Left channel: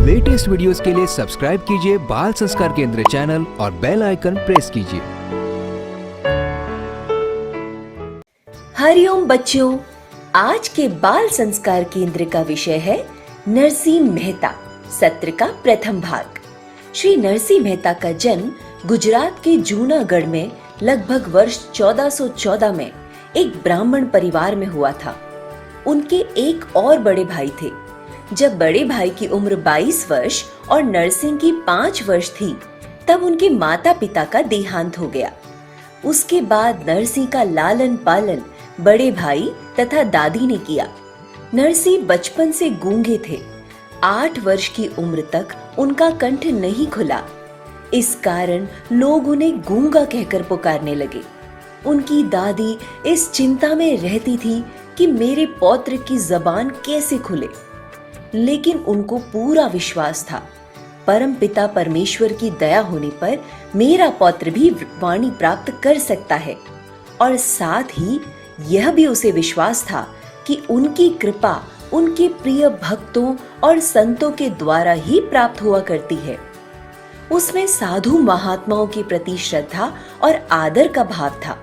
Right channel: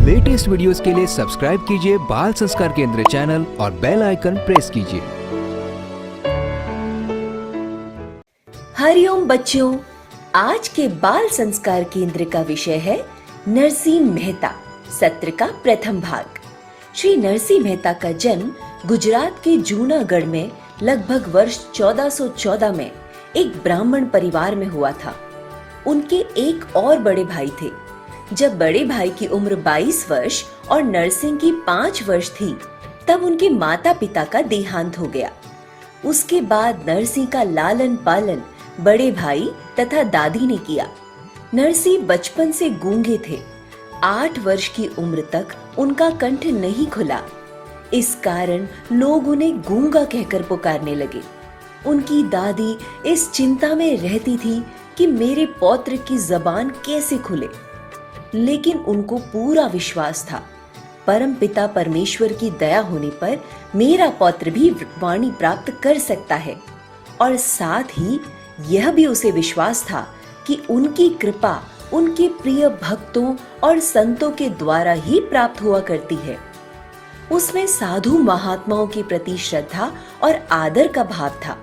Latest videos के लिए subscribe कीजिए बाल संस्कार केंद्र चैनल और बेल आइकन प्रेस कीजिए। हरिओम बच्चों, आज के बाल संस्कार केंद्र का विषय है नरसिंह मेहता। सत्र का प्रथम भाग। श्री नरसिंह मेहता का जन्म गुजरात के जूनागढ़ में लगभग वर्ष 1414 में एक ब्राह्मण परिवार में हुआ था। उनके एक और बड़े भाई थे। जब बड़े भाई की उम्र 22 वर्ष और नरसिंह की 5 वर्ष थी, तब उनके माता पिता का देहांत हो गया। उसके बाद नरसिंह का लालन पालन बड़े भाई तथा दादी ने किया। नरसिंह बचपन से गूंगे थे। 8 वर्ष की उम्र तक उनका कंठ नहीं खुला। इस कारण लोग उन्हें गूंगा कहकर पुकारने लगे। उनकी दादी इस चिंता में रहती थी कि मेरे पौत्र की जबान कैसे खुले, लेकिन उनको पूरा विश्वास था परम पिता परमेश्वर की दया होने पर मेरा पौत्र भी वाणी प्राप्त कर सकता है। और साथ ही यह भी उसे विश्वास था कि उनकी कृपा उनके प्रिय भक्तों और संतों के द्वारा ही प्राप्त हुआ करती है। उसमें साधु महात्माओं के प्रति श्रद्धा और आदर का भाव था।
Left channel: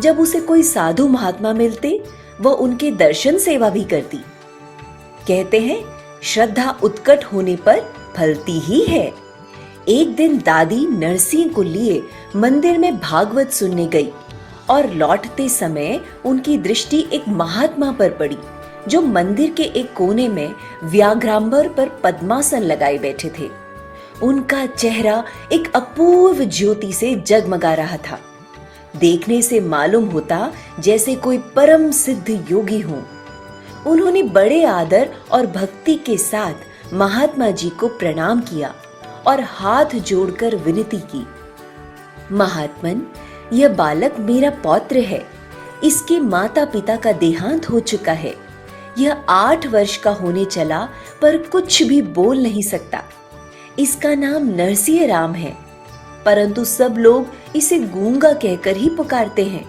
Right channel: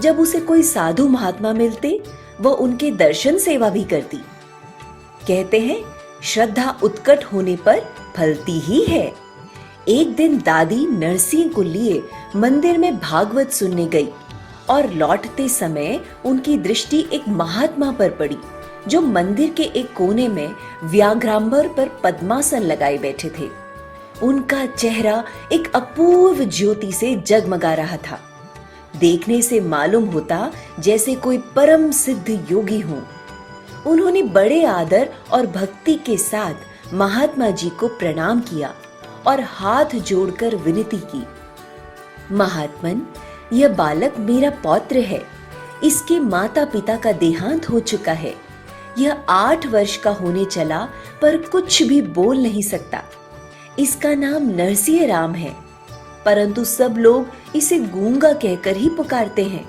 जब उसे कोई साधु महात्मा मिलते, वो उनके दर्शन सेवा भी करती। कहते हैं, श्रद्धा उत्कट होने पर फलती ही है। एक दिन दादी नरसिंह को लिए मंदिर में भागवत सुनने गई और लौटते समय उनकी दृष्टि एक महात्मा पर पड़ी, जो मंदिर के एक कोने में व्याघ्रांबर पर पद्मासन लगाए बैठे थे। उनका चेहरा एक अपूर्व ज्योति से जगमगा रहा था। देखने से मालूम होता जैसे कोई परम सिद्ध योगी हो। उन्होंने बड़े आदर और भक्ति के साथ महात्मा जी को प्रणाम किया और हाथ जोड़कर विनती की। महात्मन, यह बालक मेरा पौत्र है। इसके माता पिता का देहांत हो चुका है। यह 8 वर्ष का होने चला पर कुछ भी बोल नहीं सकता। इसका नाम नरसिंह राम है, परंतु सब लोग इसे गूंगा कहकर ही पुकारते हैं।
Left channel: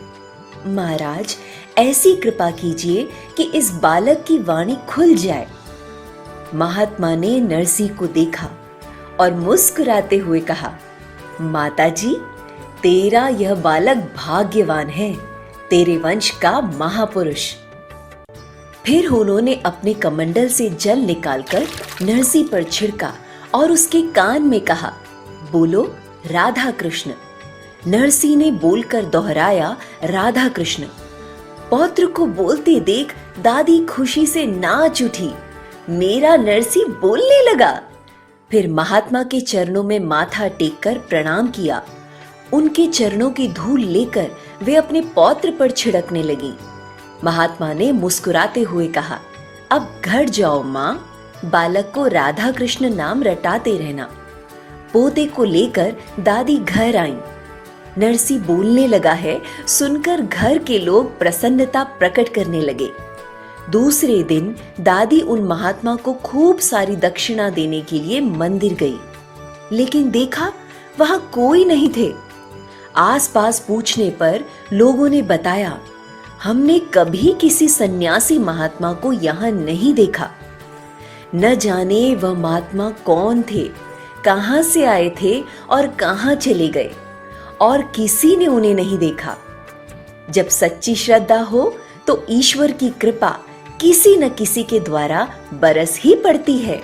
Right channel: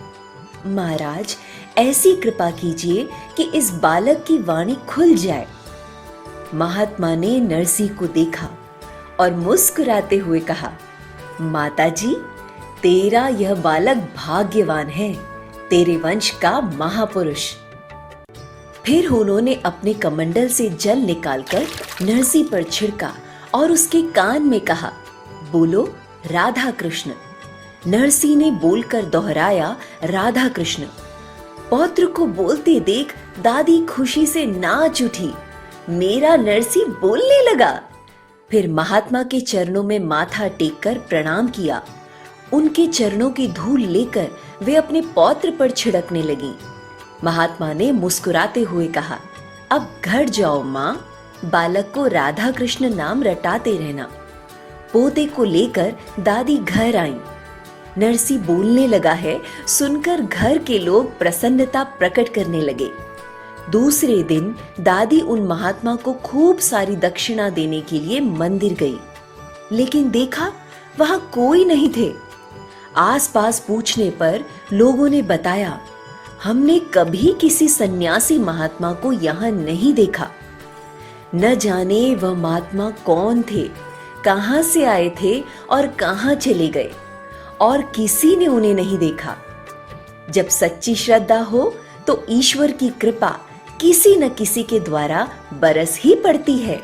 महाराज, ऐसी कृपा कीजिए कि इस बालक की वाणी खुल जाए। महात्मा ने नरसिंह को देखा और मुस्कुराते हुए कहा, माता जी, तेरा यह बालक भाग्यवान है, तेरे वंश का महापुरुष। फिर उन्होंने अपने कमंडल से जल निकालकर नरसिंह पर छिड़का और उसके कान में कहा, बोलो राधा कृष्ण। नरसिंह ने बोलकर दोहराया, राधा कृष्ण। पौत्र को बोलते देख दादी खुशी से नाच उठी। मेरा नरसिंह बोलने लगा। फिर महात्मा के चरणों में माथा टेककर प्रणाम किया। उनके चरणों की धूल लेकर वे अपने पौत्र पर छिड़कने लगी। महात्मा ने मुस्कुराते हुए कहा, अब घर जाओ माँ, बालक को राधा कृष्ण नाम रटाते रहना। पोते को लेकर दादी घर आईं। नरसिंह बोलने लगा है सुनकर घर के लोग प्रसन्नता प्रकट करने लगे। दूसरे दिन दादी उन महात्मा को खूब सारी दक्षिणा देने के लिए मंदिर गई, लेकिन देखा वहां कोई नहीं थे। आसपास पूछने पर लोगों ने बताया, हमने कभी किसी सन्यासी महात्मा को यहाँ नहीं देखा। न जाने वह महात्मा कौन थे, कहां से आए थे और कहां चले गए, और किसी ने उन्हें नहीं देखा। जब सच्ची श्रद्धा हो तो ईश्वर की कृपा किसी न किसी के द्वारा बरस ही पड़ती है।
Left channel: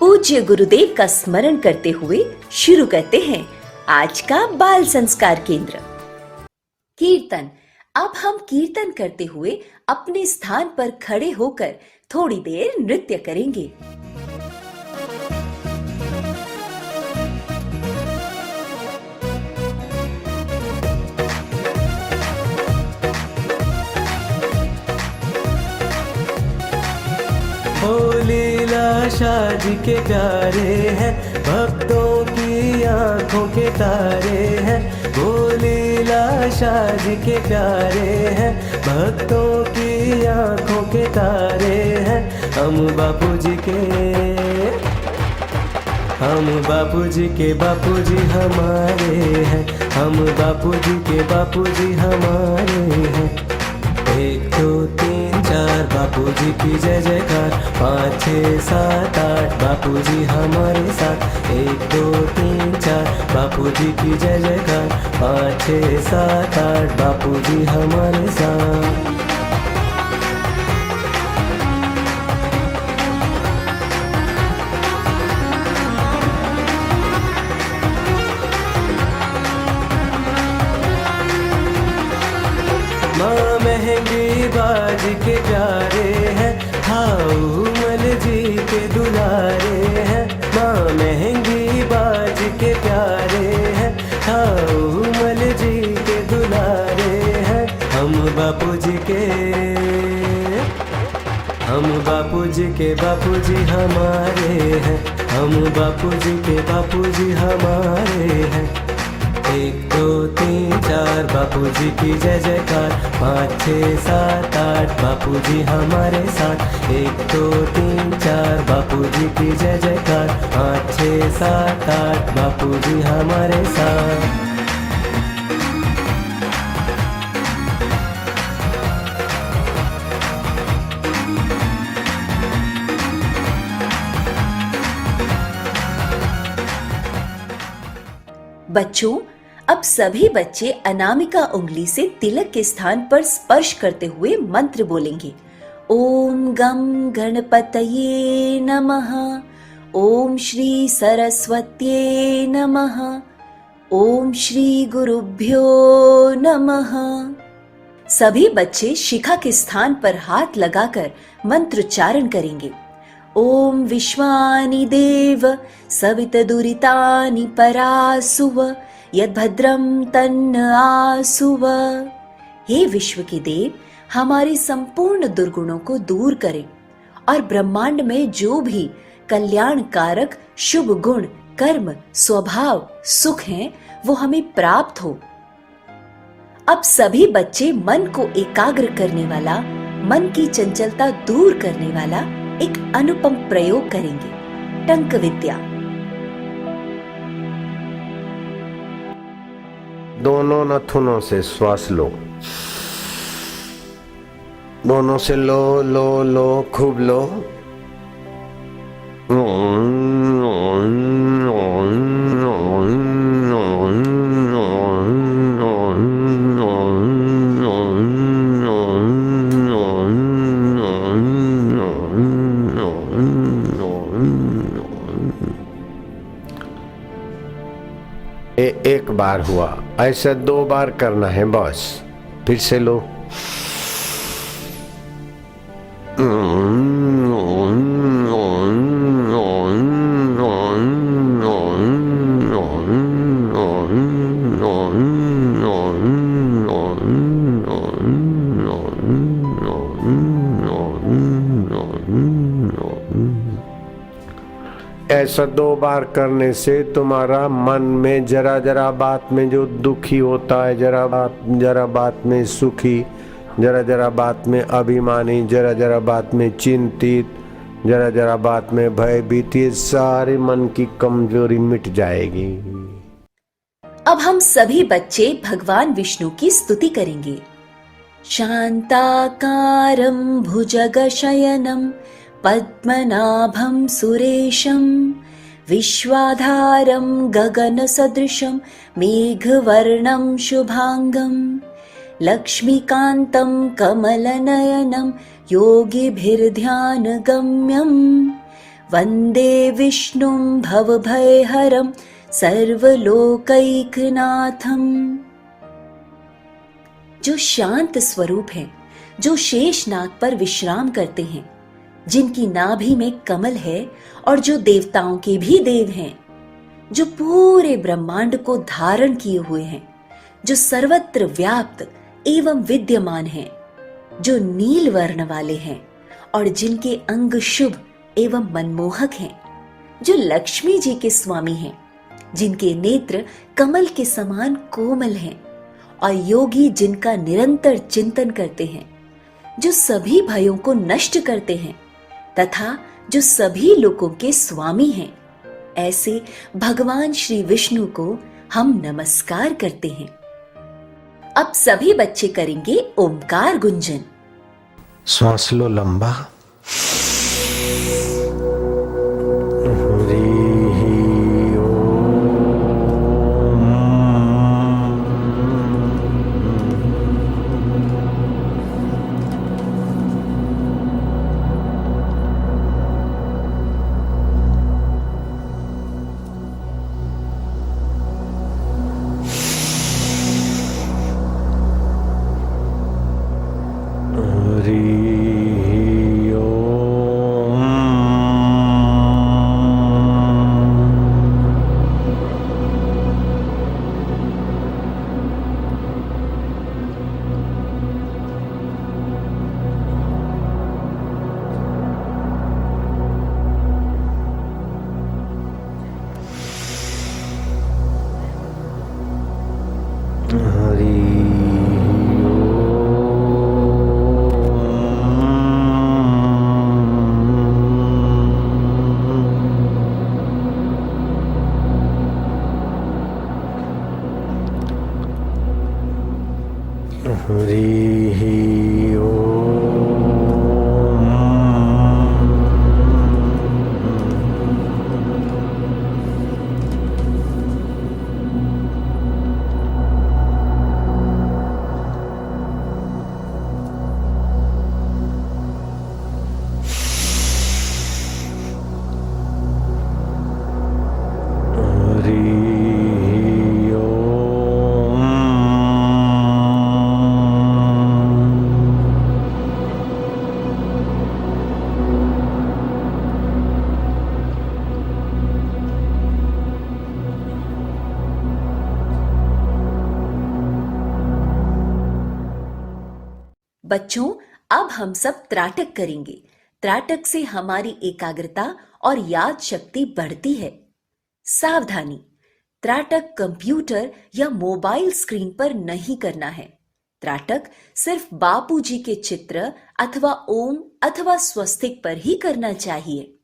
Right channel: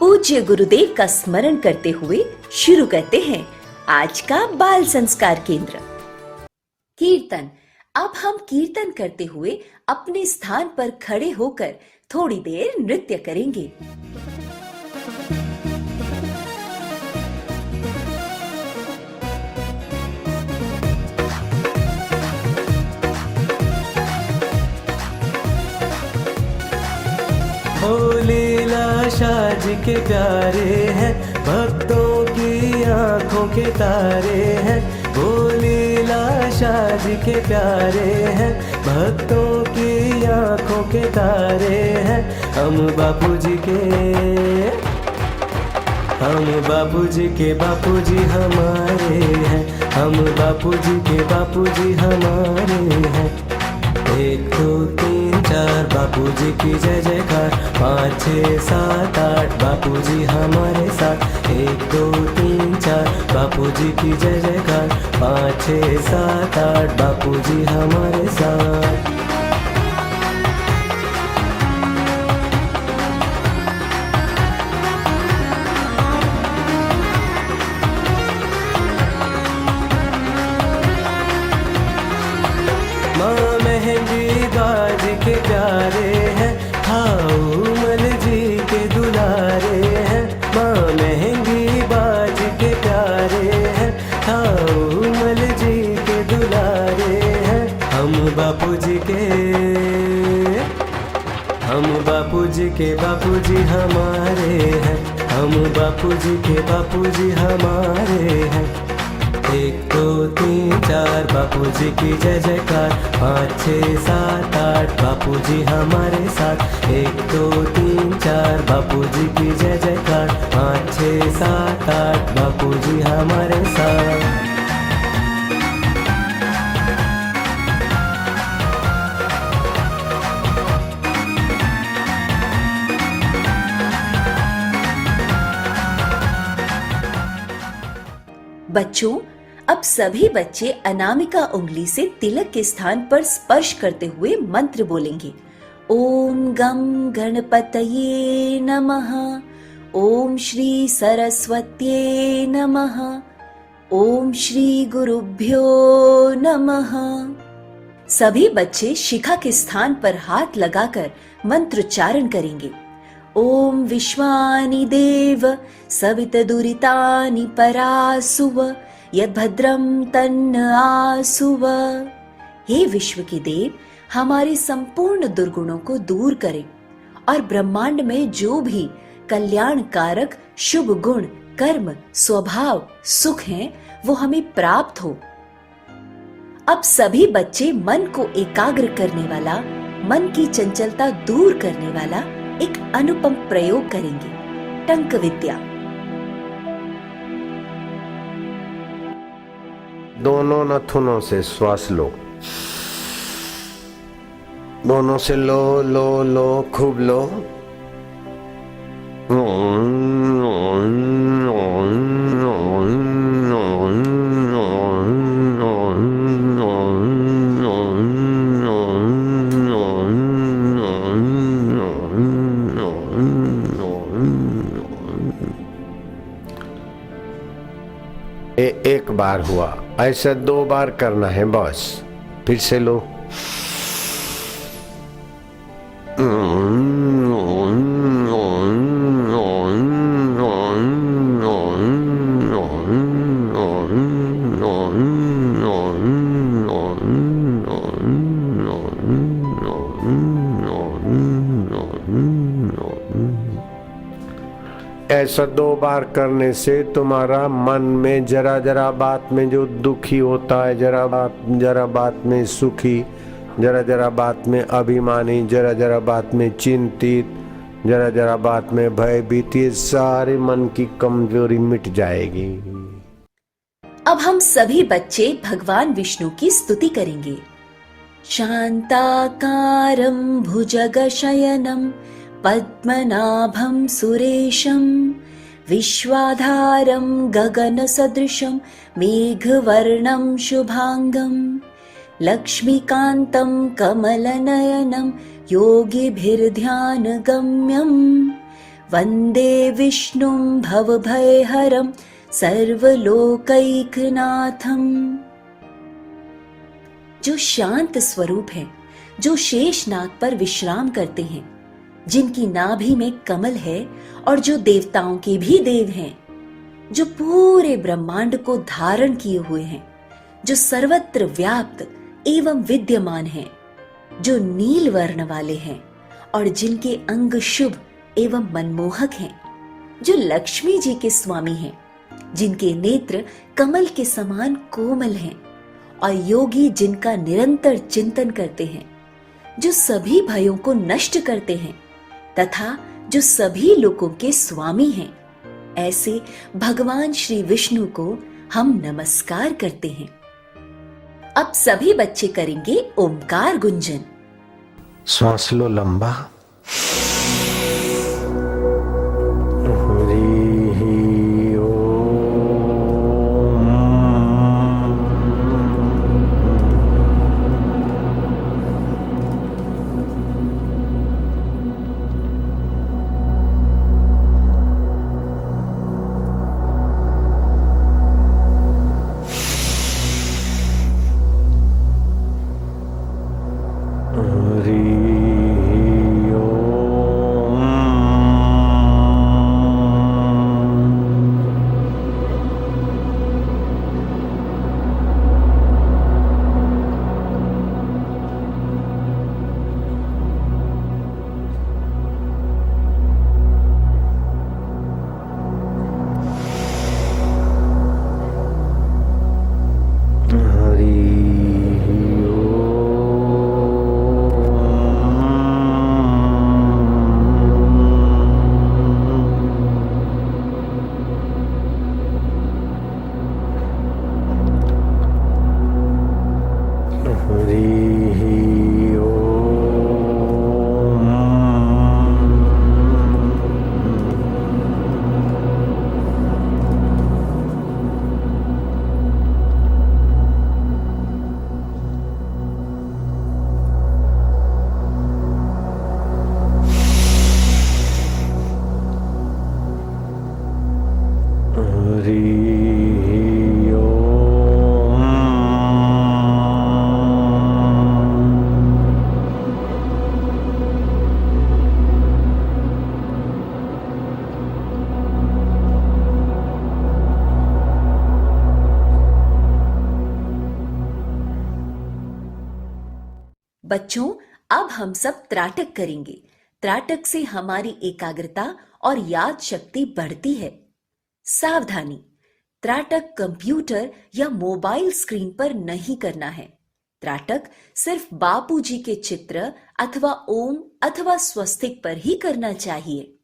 पूज्य गुरुदेव का स्मरण करते हुए शुरू करते हैं आज का बाल संस्कार केंद्र। कीर्तन। अब हम कीर्तन करते हुए अपने स्थान पर खड़े होकर थोड़ी देर नृत्य करेंगे। ओ लीला शाह जी के प्यारे हैं, भक्तों की आंखों के तारे हैं। ओ लीला शाह जी के प्यारे हैं, भक्तों की आंखों के तारे हैं। हम बापू जी के बापू जी हमारे हैं। हम बापू जी के बापू जी हमारे हैं। 1 2 3 4 बापूजी की जय जयकार। 5 6 7 8 बापूजी हमारे साथ। 1 2 3 4 बापूजी की जय जयकार। 5 6 7 8 बापूजी हमारे साथ। माँ महंगी बाज के प्यारे हैं, हाउमल जी के दुलारे हैं। माँ महंगी बाज के प्यारे हैं, हाउमल जी के दुलारे हैं। हम बापूजी के बापूजी हमारे हैं। हम बापूजी के बापूजी हमारे हैं। 1 2 3 4 बापूजी की जय जयकार। 5 6 7 8 बापूजी हमारे साथ। 1 2 3 4 बापूजी की जय जयकार। 5 6 7 8 बापूजी हमारे साथ। बच्चों, अब सभी बच्चे अनामिका उंगली से तिलक के स्थान पर स्पर्श करते हुए मंत्र बोलेंगे। ओम गम गणपतये नमः। ओम श्री सरस्वत्ये नमः। ओम श्री गुरुभ्यो नमः। सभी बच्चे शिखा के स्थान पर हाथ लगाकर मंत्रोच्चारण करेंगे। ओम विश्वानि देव सवितदुरितानि परासुव यद्भद्रं तन्न आसुव। हे विश्व के देव, हमारे संपूर्ण दुर्गुणों को दूर करें और ब्रह्मांड में जो भी कल्याणकारक शुभ गुण, कर्म, स्वभाव, सुख हैं, वो हमें प्राप्त हो। अब सभी बच्चे मन को एकाग्र करने वाला, मन की चंचलता दूर करने वाला एक अनुपम प्रयोग करेंगे, टंक विद्या। दोनों नथुनों से श्वास लो, दोनों से लो लो लो, खूब लो। एक बार हुआ, ऐसा 2 बार करना है बस। फिर से लो। ऐसा 2 बार करने से तुम्हारा मन में जरा जरा बात में जो दुखी होता है, जरा बात में सुखी, जरा जरा बात में अभिमानी, जरा जरा बात में चिंतित, जरा जरा बात में भयभीत, ये सारे मन की कमजोरी मिट जाएगी। अब हम सभी बच्चे भगवान विष्णु की स्तुति करेंगे। शांताकारं भुजगशयनं पद्मनाभं सुरेशं विश्वाधारं गगनसदृशं मेघवर्णं शुभांगं लक्ष्मीकान्तं कमलनयनं योगिभिर्ध्यानगम्यं वन्दे विष्णुं भवभयहरं सर्वलोकैकनाथं। जो शांत स्वरूप हैं, जो शेषनाग पर विश्राम करते हैं, जिनकी नाभि में कमल है और जो देवताओं के भी देव हैं, जो पूरे ब्रह्मांड को धारण किए हुए हैं, जो सर्वत्र व्याप्त एवं विद्यमान हैं, जो नील वर्ण वाले हैं और जिनके अंग शुभ एवं मनमोहक हैं, जो लक्ष्मी जी के स्वामी हैं, जिनके नेत्र कमल के समान कोमल हैं और योगी जिनका निरंतर चिंतन करते हैं, जो सभी भयों को नष्ट करते हैं तथा जो सभी लोगों के स्वामी हैं, ऐसे भगवान श्री विष्णु को हम नमस्कार करते हैं। अब सभी बच्चे करेंगे ओमकार गुंजन। श्वास लो लंबा। हरि ओम। हरि ओम। हरि ओम। हरि ओम। बच्चों, अब हम सब त्राटक करेंगे। त्राटक से हमारी एकाग्रता और याद शक्ति बढ़ती है। सावधानी, त्राटक कंप्यूटर या मोबाइल स्क्रीन पर नहीं करना है। त्राटक सिर्फ बापूजी के चित्र अथवा ओम अथवा स्वस्तिक पर ही करना चाहिए।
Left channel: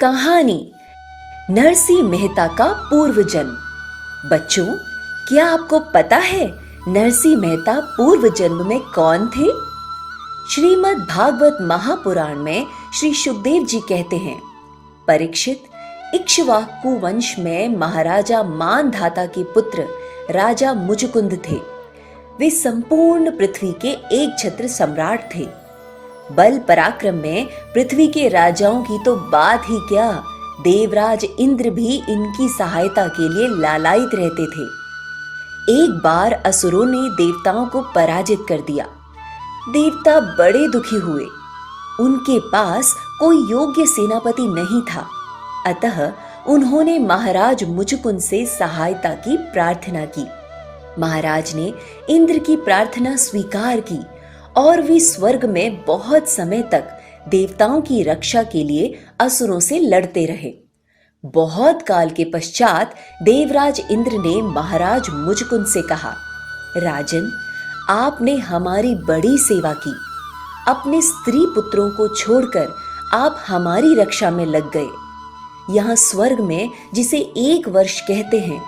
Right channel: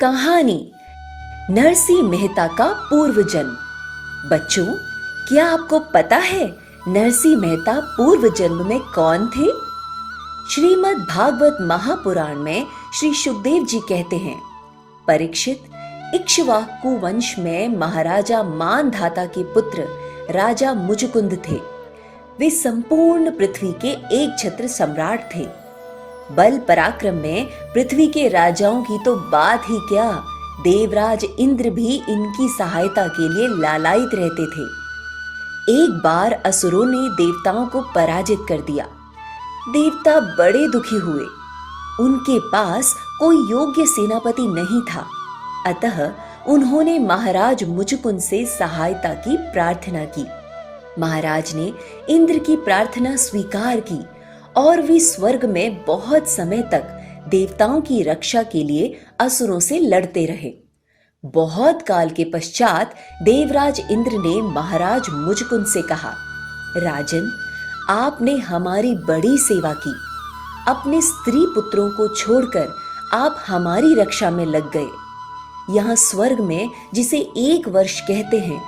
कहानी नरसिंह मेहता का पूर्व जन्म। बच्चों, क्या आपको पता है नरसिंह मेहता पूर्व जन्म में कौन थे? श्रीमद् भागवत महापुराण में श्री सुखदेव जी कहते हैं, परीक्षित इक्ष्वाकु वंश में महाराजा मानधाता के पुत्र राजा मुचकुंद थे। वे संपूर्ण पृथ्वी के एक छत्र सम्राट थे। बल पराक्रम में पृथ्वी के राजाओं की तो बात ही क्या, देवराज इंद्र भी इनकी सहायता के लिए लालायित रहते थे। एक बार असुरों ने देवताओं को पराजित कर दिया। देवता बड़े दुखी हुए। उनके पास कोई योग्य सेनापति नहीं था, अतः उन्होंने महाराज मुचकुंद से सहायता की प्रार्थना की। महाराज ने इंद्र की प्रार्थना स्वीकार की और वे स्वर्ग में बहुत समय तक देवताओं की रक्षा के लिए असुरों से लड़ते रहे। बहुत काल के पश्चात देवराज इंद्र ने महाराज मुचकुंद से कहा, राजन, आपने हमारी बड़ी सेवा की। अपने स्त्री पुत्रों को छोड़कर आप हमारी रक्षा में लग गए। यहाँ स्वर्ग में जिसे 1 वर्ष कहते हैं,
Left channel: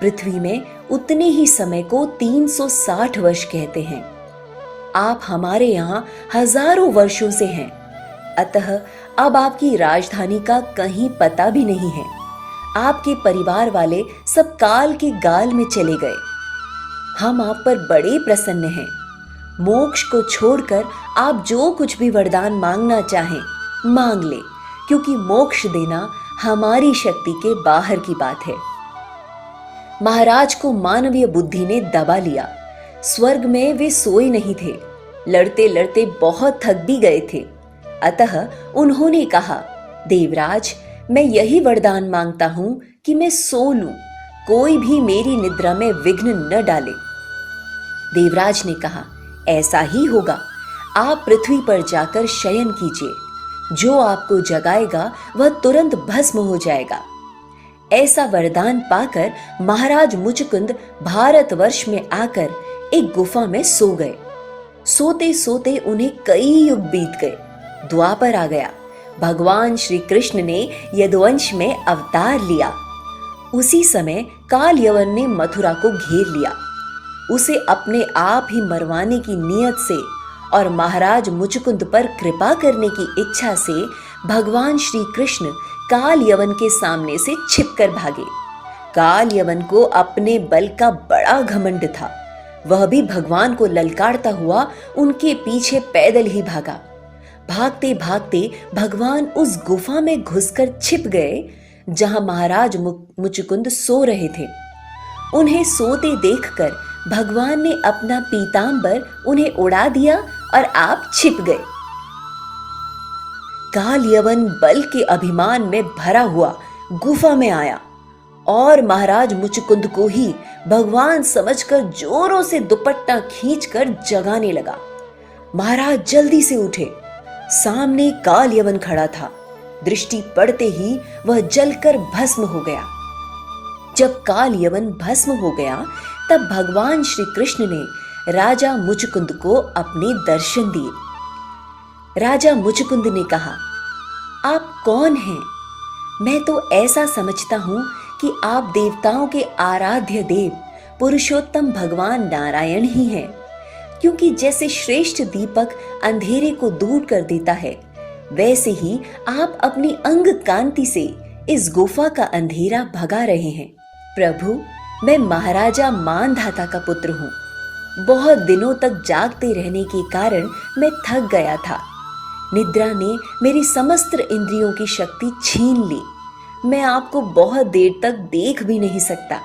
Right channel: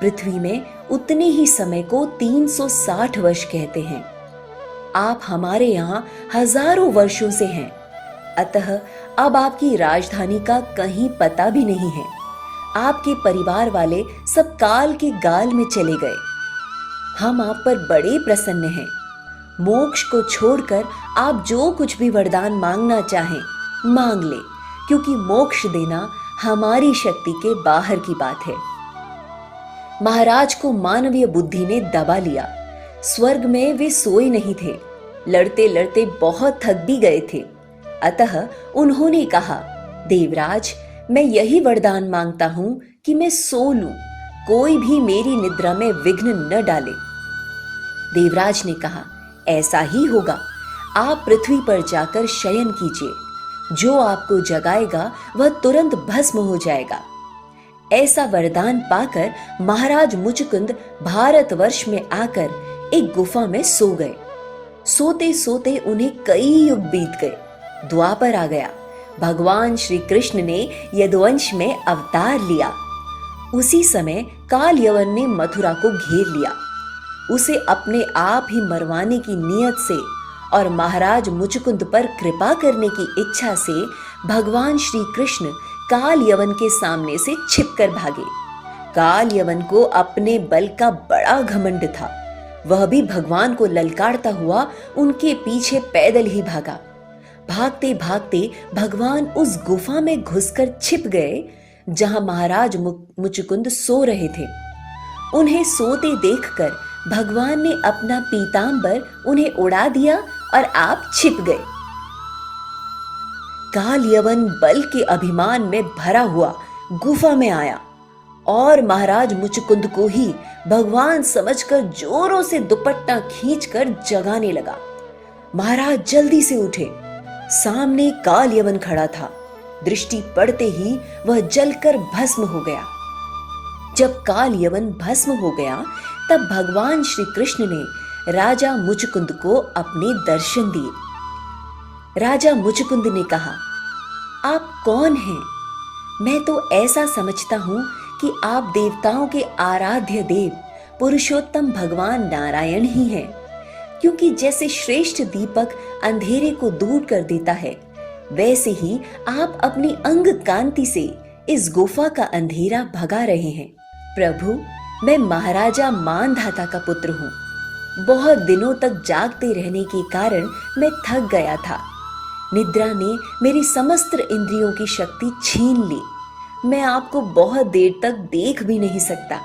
पृथ्वी में उतने ही समय को 360 वर्ष कहते हैं। आप हमारे यहाँ हजारों वर्षों से हैं। अतः अब आपकी राजधानी का कहीं पता भी नहीं है। आपके परिवार वाले सब काल के गाल में चले गए। हम आप पर बड़े प्रसन्न हैं। मोक्ष को छोड़कर आप जो कुछ भी वरदान मांगना चाहें मांग ले, क्योंकि मोक्ष देना हमारी शक्ति के बाहर की बात है। महाराज को मानवीय बुद्धि ने दबा लिया। स्वर्ग में वे सोए नहीं थे, लड़ते लड़ते बहुत थक भी गए थे। अतः उन्होंने कहा, देवराज, मैं यही वरदान मांगता हूं कि मैं सो लूं, कोई भी मेरी निद्रा में विघ्न न डाले। देवराज ने कहा, ऐसा ही होगा। आप पृथ्वी पर जाकर शयन कीजिए, जो आपको जगाएगा वह तुरंत भस्म हो जाएगा। ऐसा वरदान पाकर महाराज मुचकुंद भारतवर्ष में आकर एक गुफा में सो गए। सोते सोते उन्हें कई युग बीत गए। द्वापर आ गया। भगवान श्री कृष्ण ने यदुवंश में अवतार लिया। उसी समय काल यवन ने मथुरा को घेर लिया। उसे अपने आप ही मरवाने की नीयत से और महाराज मुचकुंद पर कृपा करने की इच्छा से भगवान श्री कृष्ण काल यवन के सामने से छिपकर भागे। काल यवन को अपने बल का बड़ा घमंड था। वह भी भगवान को ललकारता हुआ उनके पीछे पैदल ही भागा। भागते भागते भगवान उस गुफा में घुसकर छिप गए जहां महाराज मुचकुंद सो रहे थे। उन्हें सोते देखकर भगवान ने अपना पीतांबर उन्हें उड़ा दिया और आप छिप गए। काल यवन बल के अभिमान में भरा हुआ गुफा में आया और महाराज मुचकुंद को ही भगवान समझकर जोरों से दुपट्टा खींचकर जगाने लगा। महाराज जल्दी से उठे। सामने काल यवन खड़ा था। दृष्टि पड़ते ही वह जलकर भस्म हो गया। जब काल यवन भस्म हो गया तब भगवान श्री कृष्ण ने राजा मुचकुंद को अपने दर्शन दिए। राजा मुचकुंद ने कहा, आप कौन हैं? मैं तो ऐसा समझता हूं कि आप देवताओं के आराध्य देव पुरुषोत्तम भगवान नारायण ही हैं, क्योंकि जैसे श्रेष्ठ दीपक अंधेरे को दूर कर देता है, वैसे ही आप अपनी अंग कांति से इस गुफा का अंधेरा भगा रहे हैं। प्रभु, मैं महाराजा मानधाता का पुत्र हूँ। बहुत दिनों तक जागते रहने के कारण मैं थक गया था। निद्रा ने मेरी समस्त इंद्रियों की शक्ति छीन ली। मैं आपको बहुत देर तक देख भी नहीं सकता।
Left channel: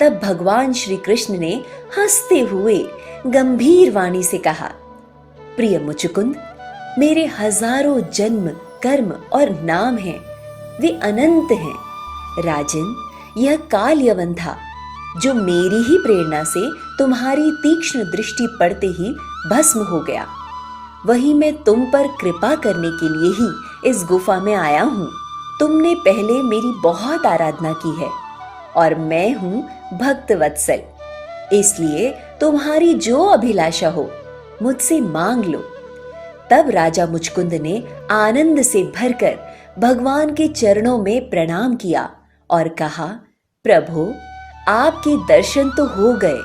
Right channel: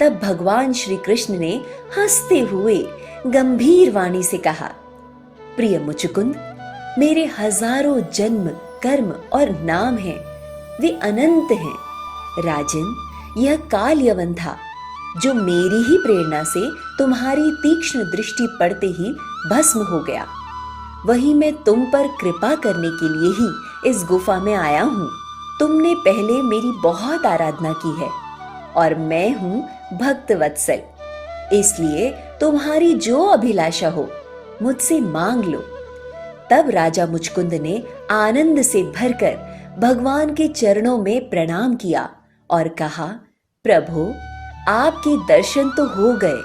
तब भगवान श्री कृष्ण ने हंसते हुए गंभीर वाणी से कहा, प्रिय मुचकुंद, मेरे हजारों जन्म, कर्म और नाम हैं, वे अनंत हैं। राजन, यह काल यवन था जो मेरी ही प्रेरणा से तुम्हारी तीक्ष्ण दृष्टि पड़ते ही भस्म हो गया। वही मैं तुम पर कृपा करने के लिए ही इस गुफा में आया हूँ। तुमने पहले मेरी बहुत आराधना की है और मैं हूँ भक्त वत्सल, इसलिए तुम्हारी जो अभिलाषा हो मुझसे मांग लो। तब राजा मुचकुंद ने आनंद से भरकर भगवान के चरणों में प्रणाम किया और कहा, प्रभु, आपके दर्शन तो हो गए,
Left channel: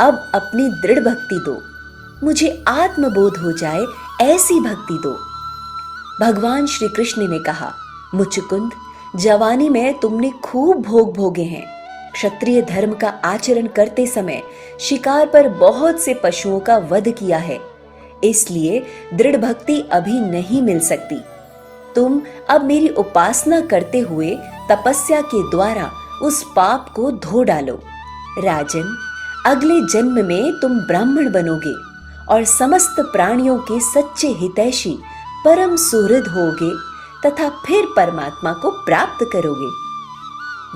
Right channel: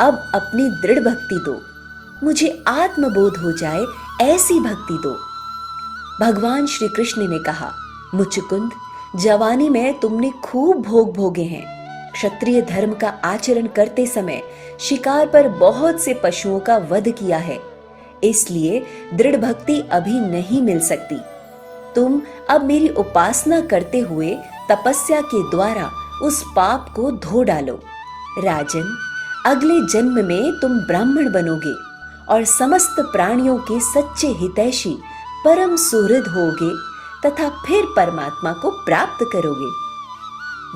अब अपनी दृढ़ भक्ति दो, मुझे आत्मबोध हो जाए ऐसी भक्ति दो। भगवान श्री कृष्ण ने कहा, मुचकुंद, जवानी में तुमने खूब भोग भोगे हैं। क्षत्रिय धर्म का आचरण करते समय शिकार पर बहुत से पशुओं का वध किया है, इसलिए दृढ़ भक्ति अभी नहीं मिल सकती। तुम अब मेरी उपासना करते हुए तपस्या के द्वारा उस पाप को धो डालो। राजन, अगले जन्म में तुम ब्राह्मण बनोगे और समस्त प्राणियों के सच्चे हितैषी परम सुहृद होगे तथा फिर परमात्मा को प्राप्त करोगे।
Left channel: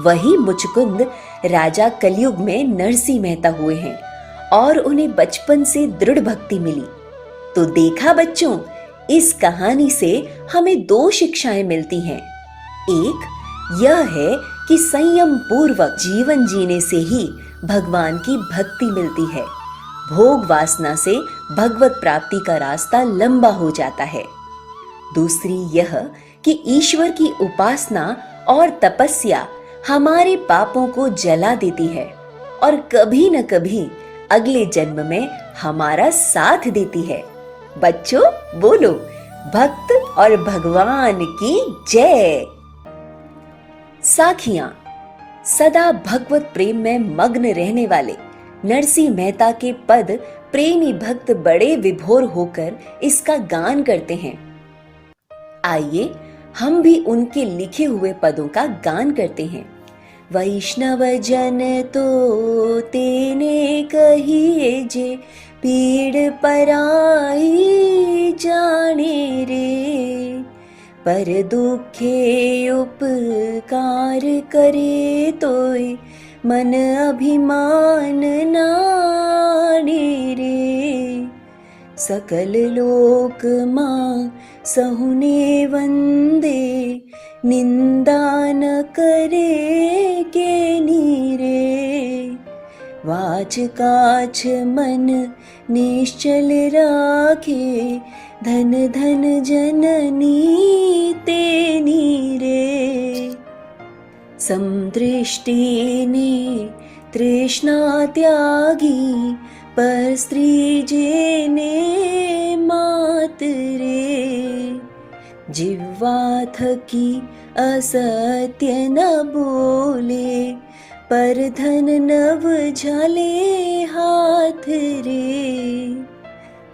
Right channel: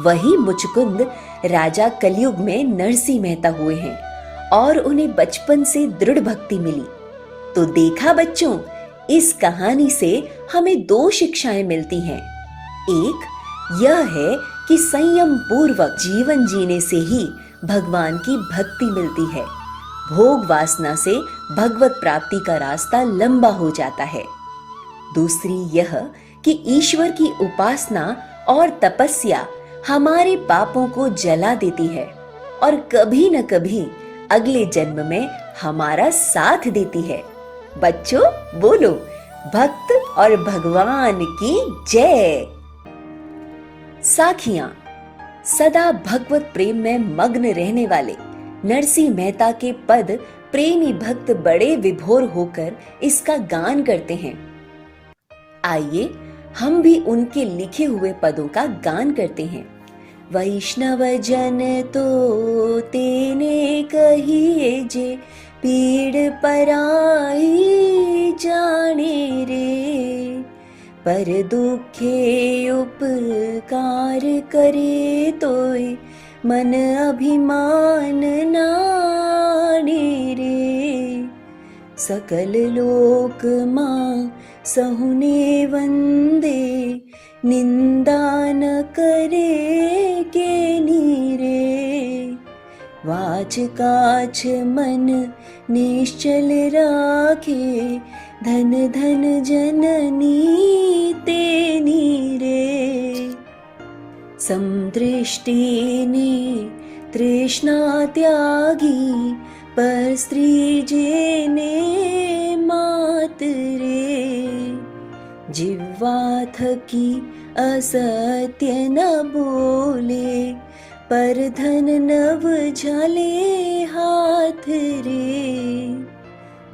वही मुचकुंद राजा कलयुग में नरसिंह मेहता हुए हैं और उन्हें बचपन से दृढ़ भक्ति मिली। तो देखा बच्चों, इस कहानी से हमें दो शिक्षाएं मिलती हैं। एक यह है कि संयम पूर्वक जीवन जीने से ही भगवान की भक्ति मिलती है। भोग वासना से भगवत प्राप्ति का रास्ता लंबा हो जाता है। दूसरी यह कि ईश्वर की उपासना और तपस्या हमारे पापों को जला देती है और कभी न कभी अगले जन्म में हमारा साथ देती है। बच्चों बोलो, भक्त और भगवान की जय। साखियां। सदा भगवत प्रेम में मग्न रहने वाले नरसिंह मेहता के पद प्रेमी भक्त बड़े विभोर होकर इसका गान करते हैं। आइए हम भी उनके लिखे हुए पदों का गान करते हैं। वैष्णव जन तो तेने कहिए जे पीड़ पराई जाने रे, पर दुखे उपकार करे तोय मन अभिमान नाने रे। सकल लोक मां सहुने वंदे, निंदा न करे के नीरे। वाच काछ मन निश्चल राखे, धन धन जननी तेनी रे। समदृष्टि ने तृष्णा त्यागी, पर स्त्री जेने मात रे। जिह्वा थकी असत्य न बोले, पर धन नव झले हाथ रे।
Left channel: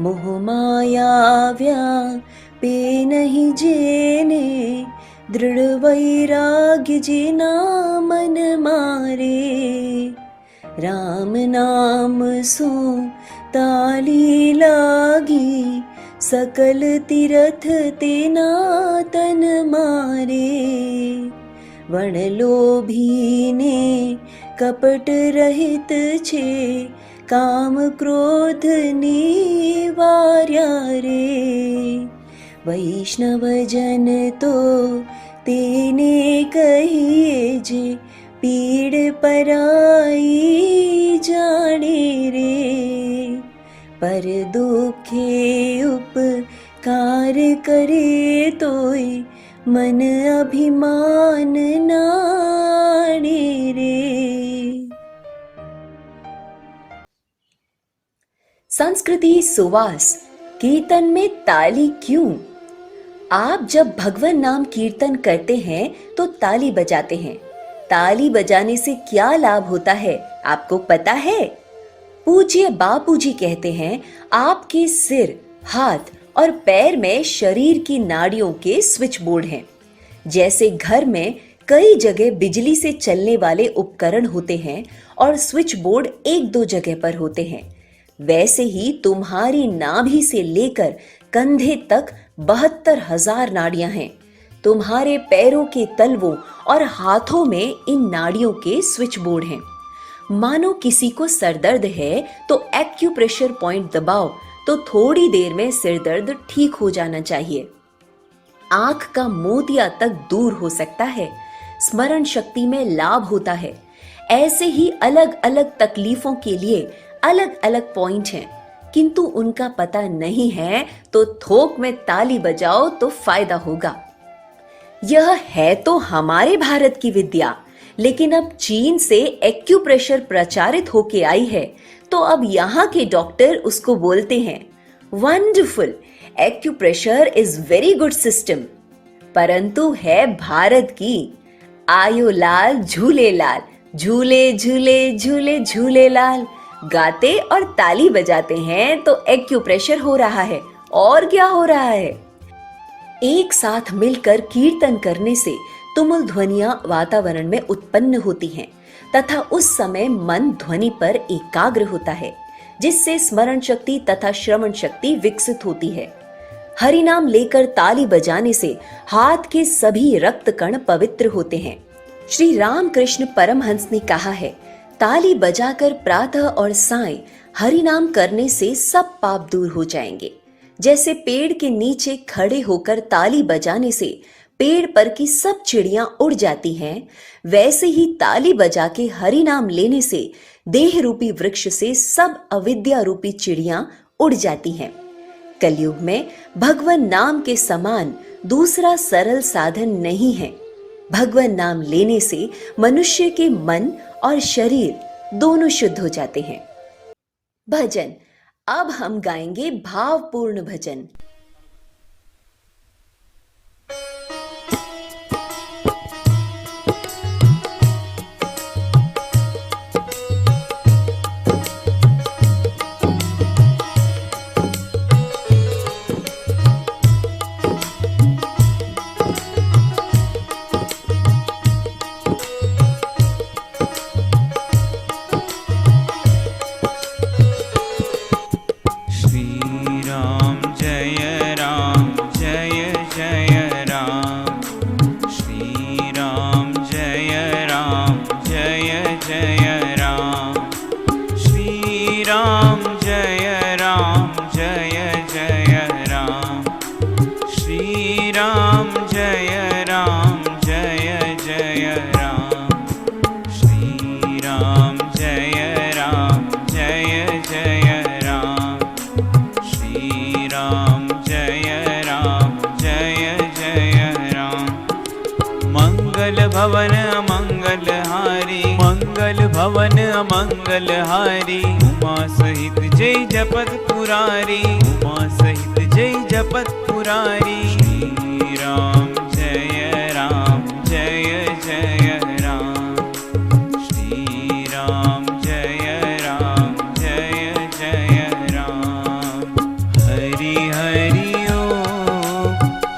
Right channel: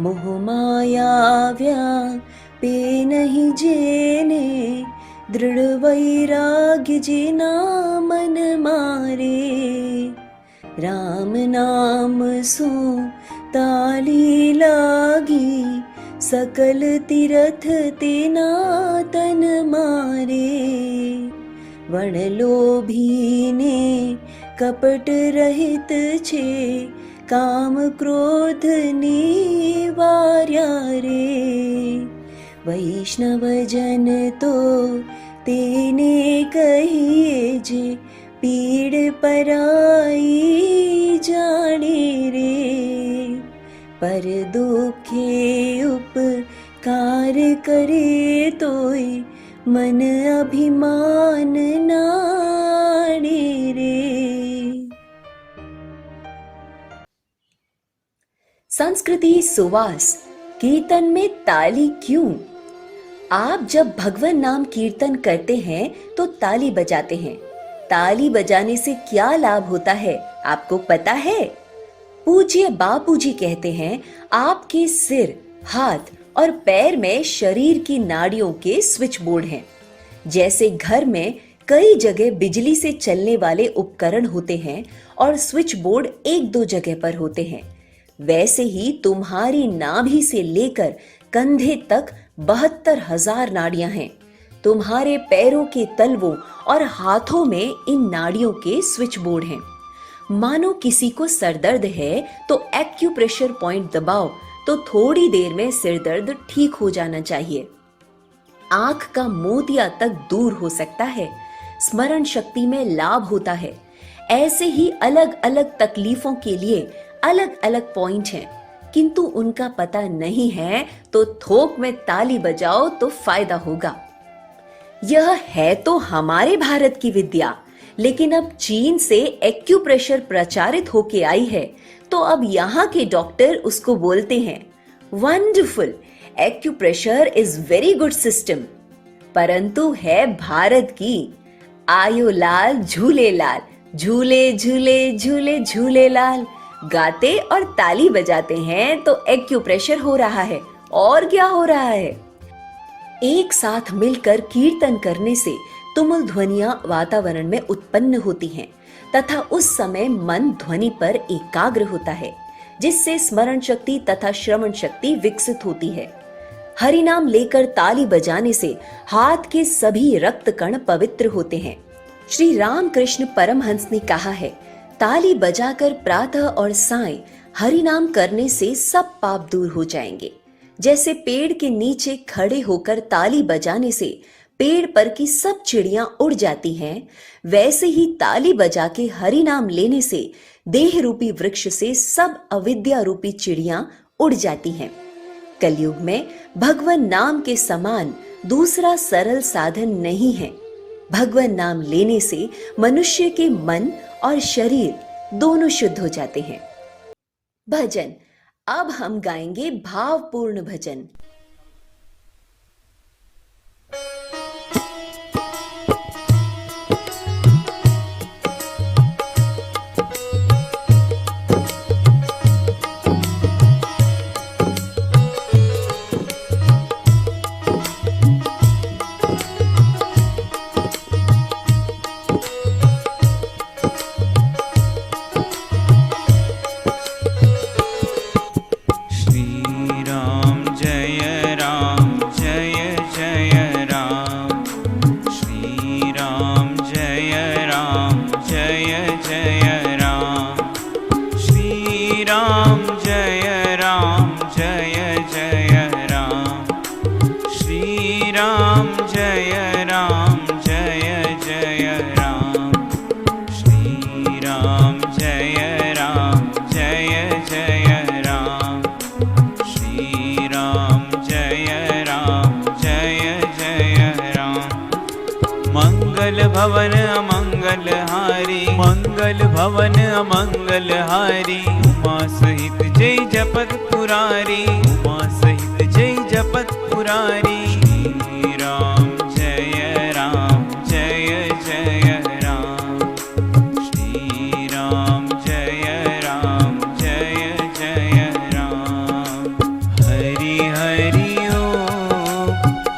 मोह माया व्यापे नहीं जेने, दृढ़ वैराग्य जिना मन मारे। राम नाम सो ताली लागी, सकल तीरथ तेना तन मारे। वण लोभी ने कपट रहित छे, काम क्रोध निवार्या रे। वैष्णव जन तो तेने कहिए जे, पीड़ पराई जाने रे। पर दुखे उपकार करे तोय, मन अभिमान नाने रे। संस्कृति सुवास। कीर्तन में ताली क्यों? आप जब भगवान नाम कीर्तन करते हैं तो ताली बजाते हैं। ताली बजाने से क्या लाभ होता है आपको पता है? पूज्य बापूजी कहते हैं, आपके सिर, हाथ और पैर में शरीर की नाड़ियों के स्विच बोर्ड हैं। जैसे घर में कई जगह बिजली से चलने वाले उपकरण होते हैं और स्विच बोर्ड एक दो जगह पर होते हैं, वैसे ही तुम्हारी नाभि से लेकर कंधे तक 72,000 नाड़ियां हैं। तुम्हारे पैरों के तलवों और हाथों में इन नाड़ियों के स्विच बोर्ड हैं। मानो किसी को सरदर्द है तो एक्यूप्रेशर पॉइंट दबाओ तो थोड़ी देर में सिर दर्द ठीक हो जाना चाहिए। आंख का मोतिया तक दूर हो सकता है। स्मरण शक्ति में लाभ होता है। ऐसे ही अलग अलग तकलीफों के लिए अलग अलग पॉइंट हैं, किंतु उनका पता नहीं है तो थोक में ताली बजाओ तो फायदा होगा। यह है तो हमारे भारत की विद्या, लेकिन अब चीन से एक्यूप्रेशर प्रचारित होके आई है तो अब यहाँ के डॉक्टर उसको बोलते हैं wonderful, acupressure is very good system. परंतु है भारत की। आयो लाल झूले लाल, झूले झूले झूले झूले लाल। गाते और ताली बजाते हैं तो एक्यूप्रेशर हो रहा है, और क्या हो रहा है। एक साथ मिलकर कीर्तन करने से तुमुल ध्वनियां वातावरण में उत्पन्न होती हैं तथा उस समय मन ध्वनि पर एकाग्र होता है, जिससे स्मरण शक्ति तथा श्रवण शक्ति विकसित होती है। हरि नाम लेकर ताली बजाने से हाथ के सभी रक्त कण पवित्र होते हैं। श्री रामकृष्ण परमहंस ने कहा है, ताली बजाकर प्रातः और सायं हरि नाम करने से सब पाप दूर हो जाएंगे। जैसे पेड़ के नीचे खड़े होकर ताली बजाने से पेड़ पर की सब चिड़ियां उड़ जाती हैं, वैसे ही ताली बजा के हरि नाम लेने से देह रूपी वृक्ष से सब अविद्या रूपी चिड़ियां उड़ जाती हैं। कलयुग में भगवान नाम के समान दूसरा सरल साधन नहीं है। भगवान नाम लेने से मनुष्य के मन और शरीर दोनों शुद्ध हो जाते हैं। भजन। अब हम गाएंगे भावपूर्ण भजन। राम जय जय राम। श्री राम जय जय राम। श्री राम जय जय राम। श्री राम जय जय राम। मंगल भवन अमंगल हारी, मंगल भवन अमंगल हारी। उमा सहित जय जपत पुरारी, उमा सहित जय जपत पुरारी। श्री राम जय जय राम। श्री राम जय जय राम। हरि हरि ओम,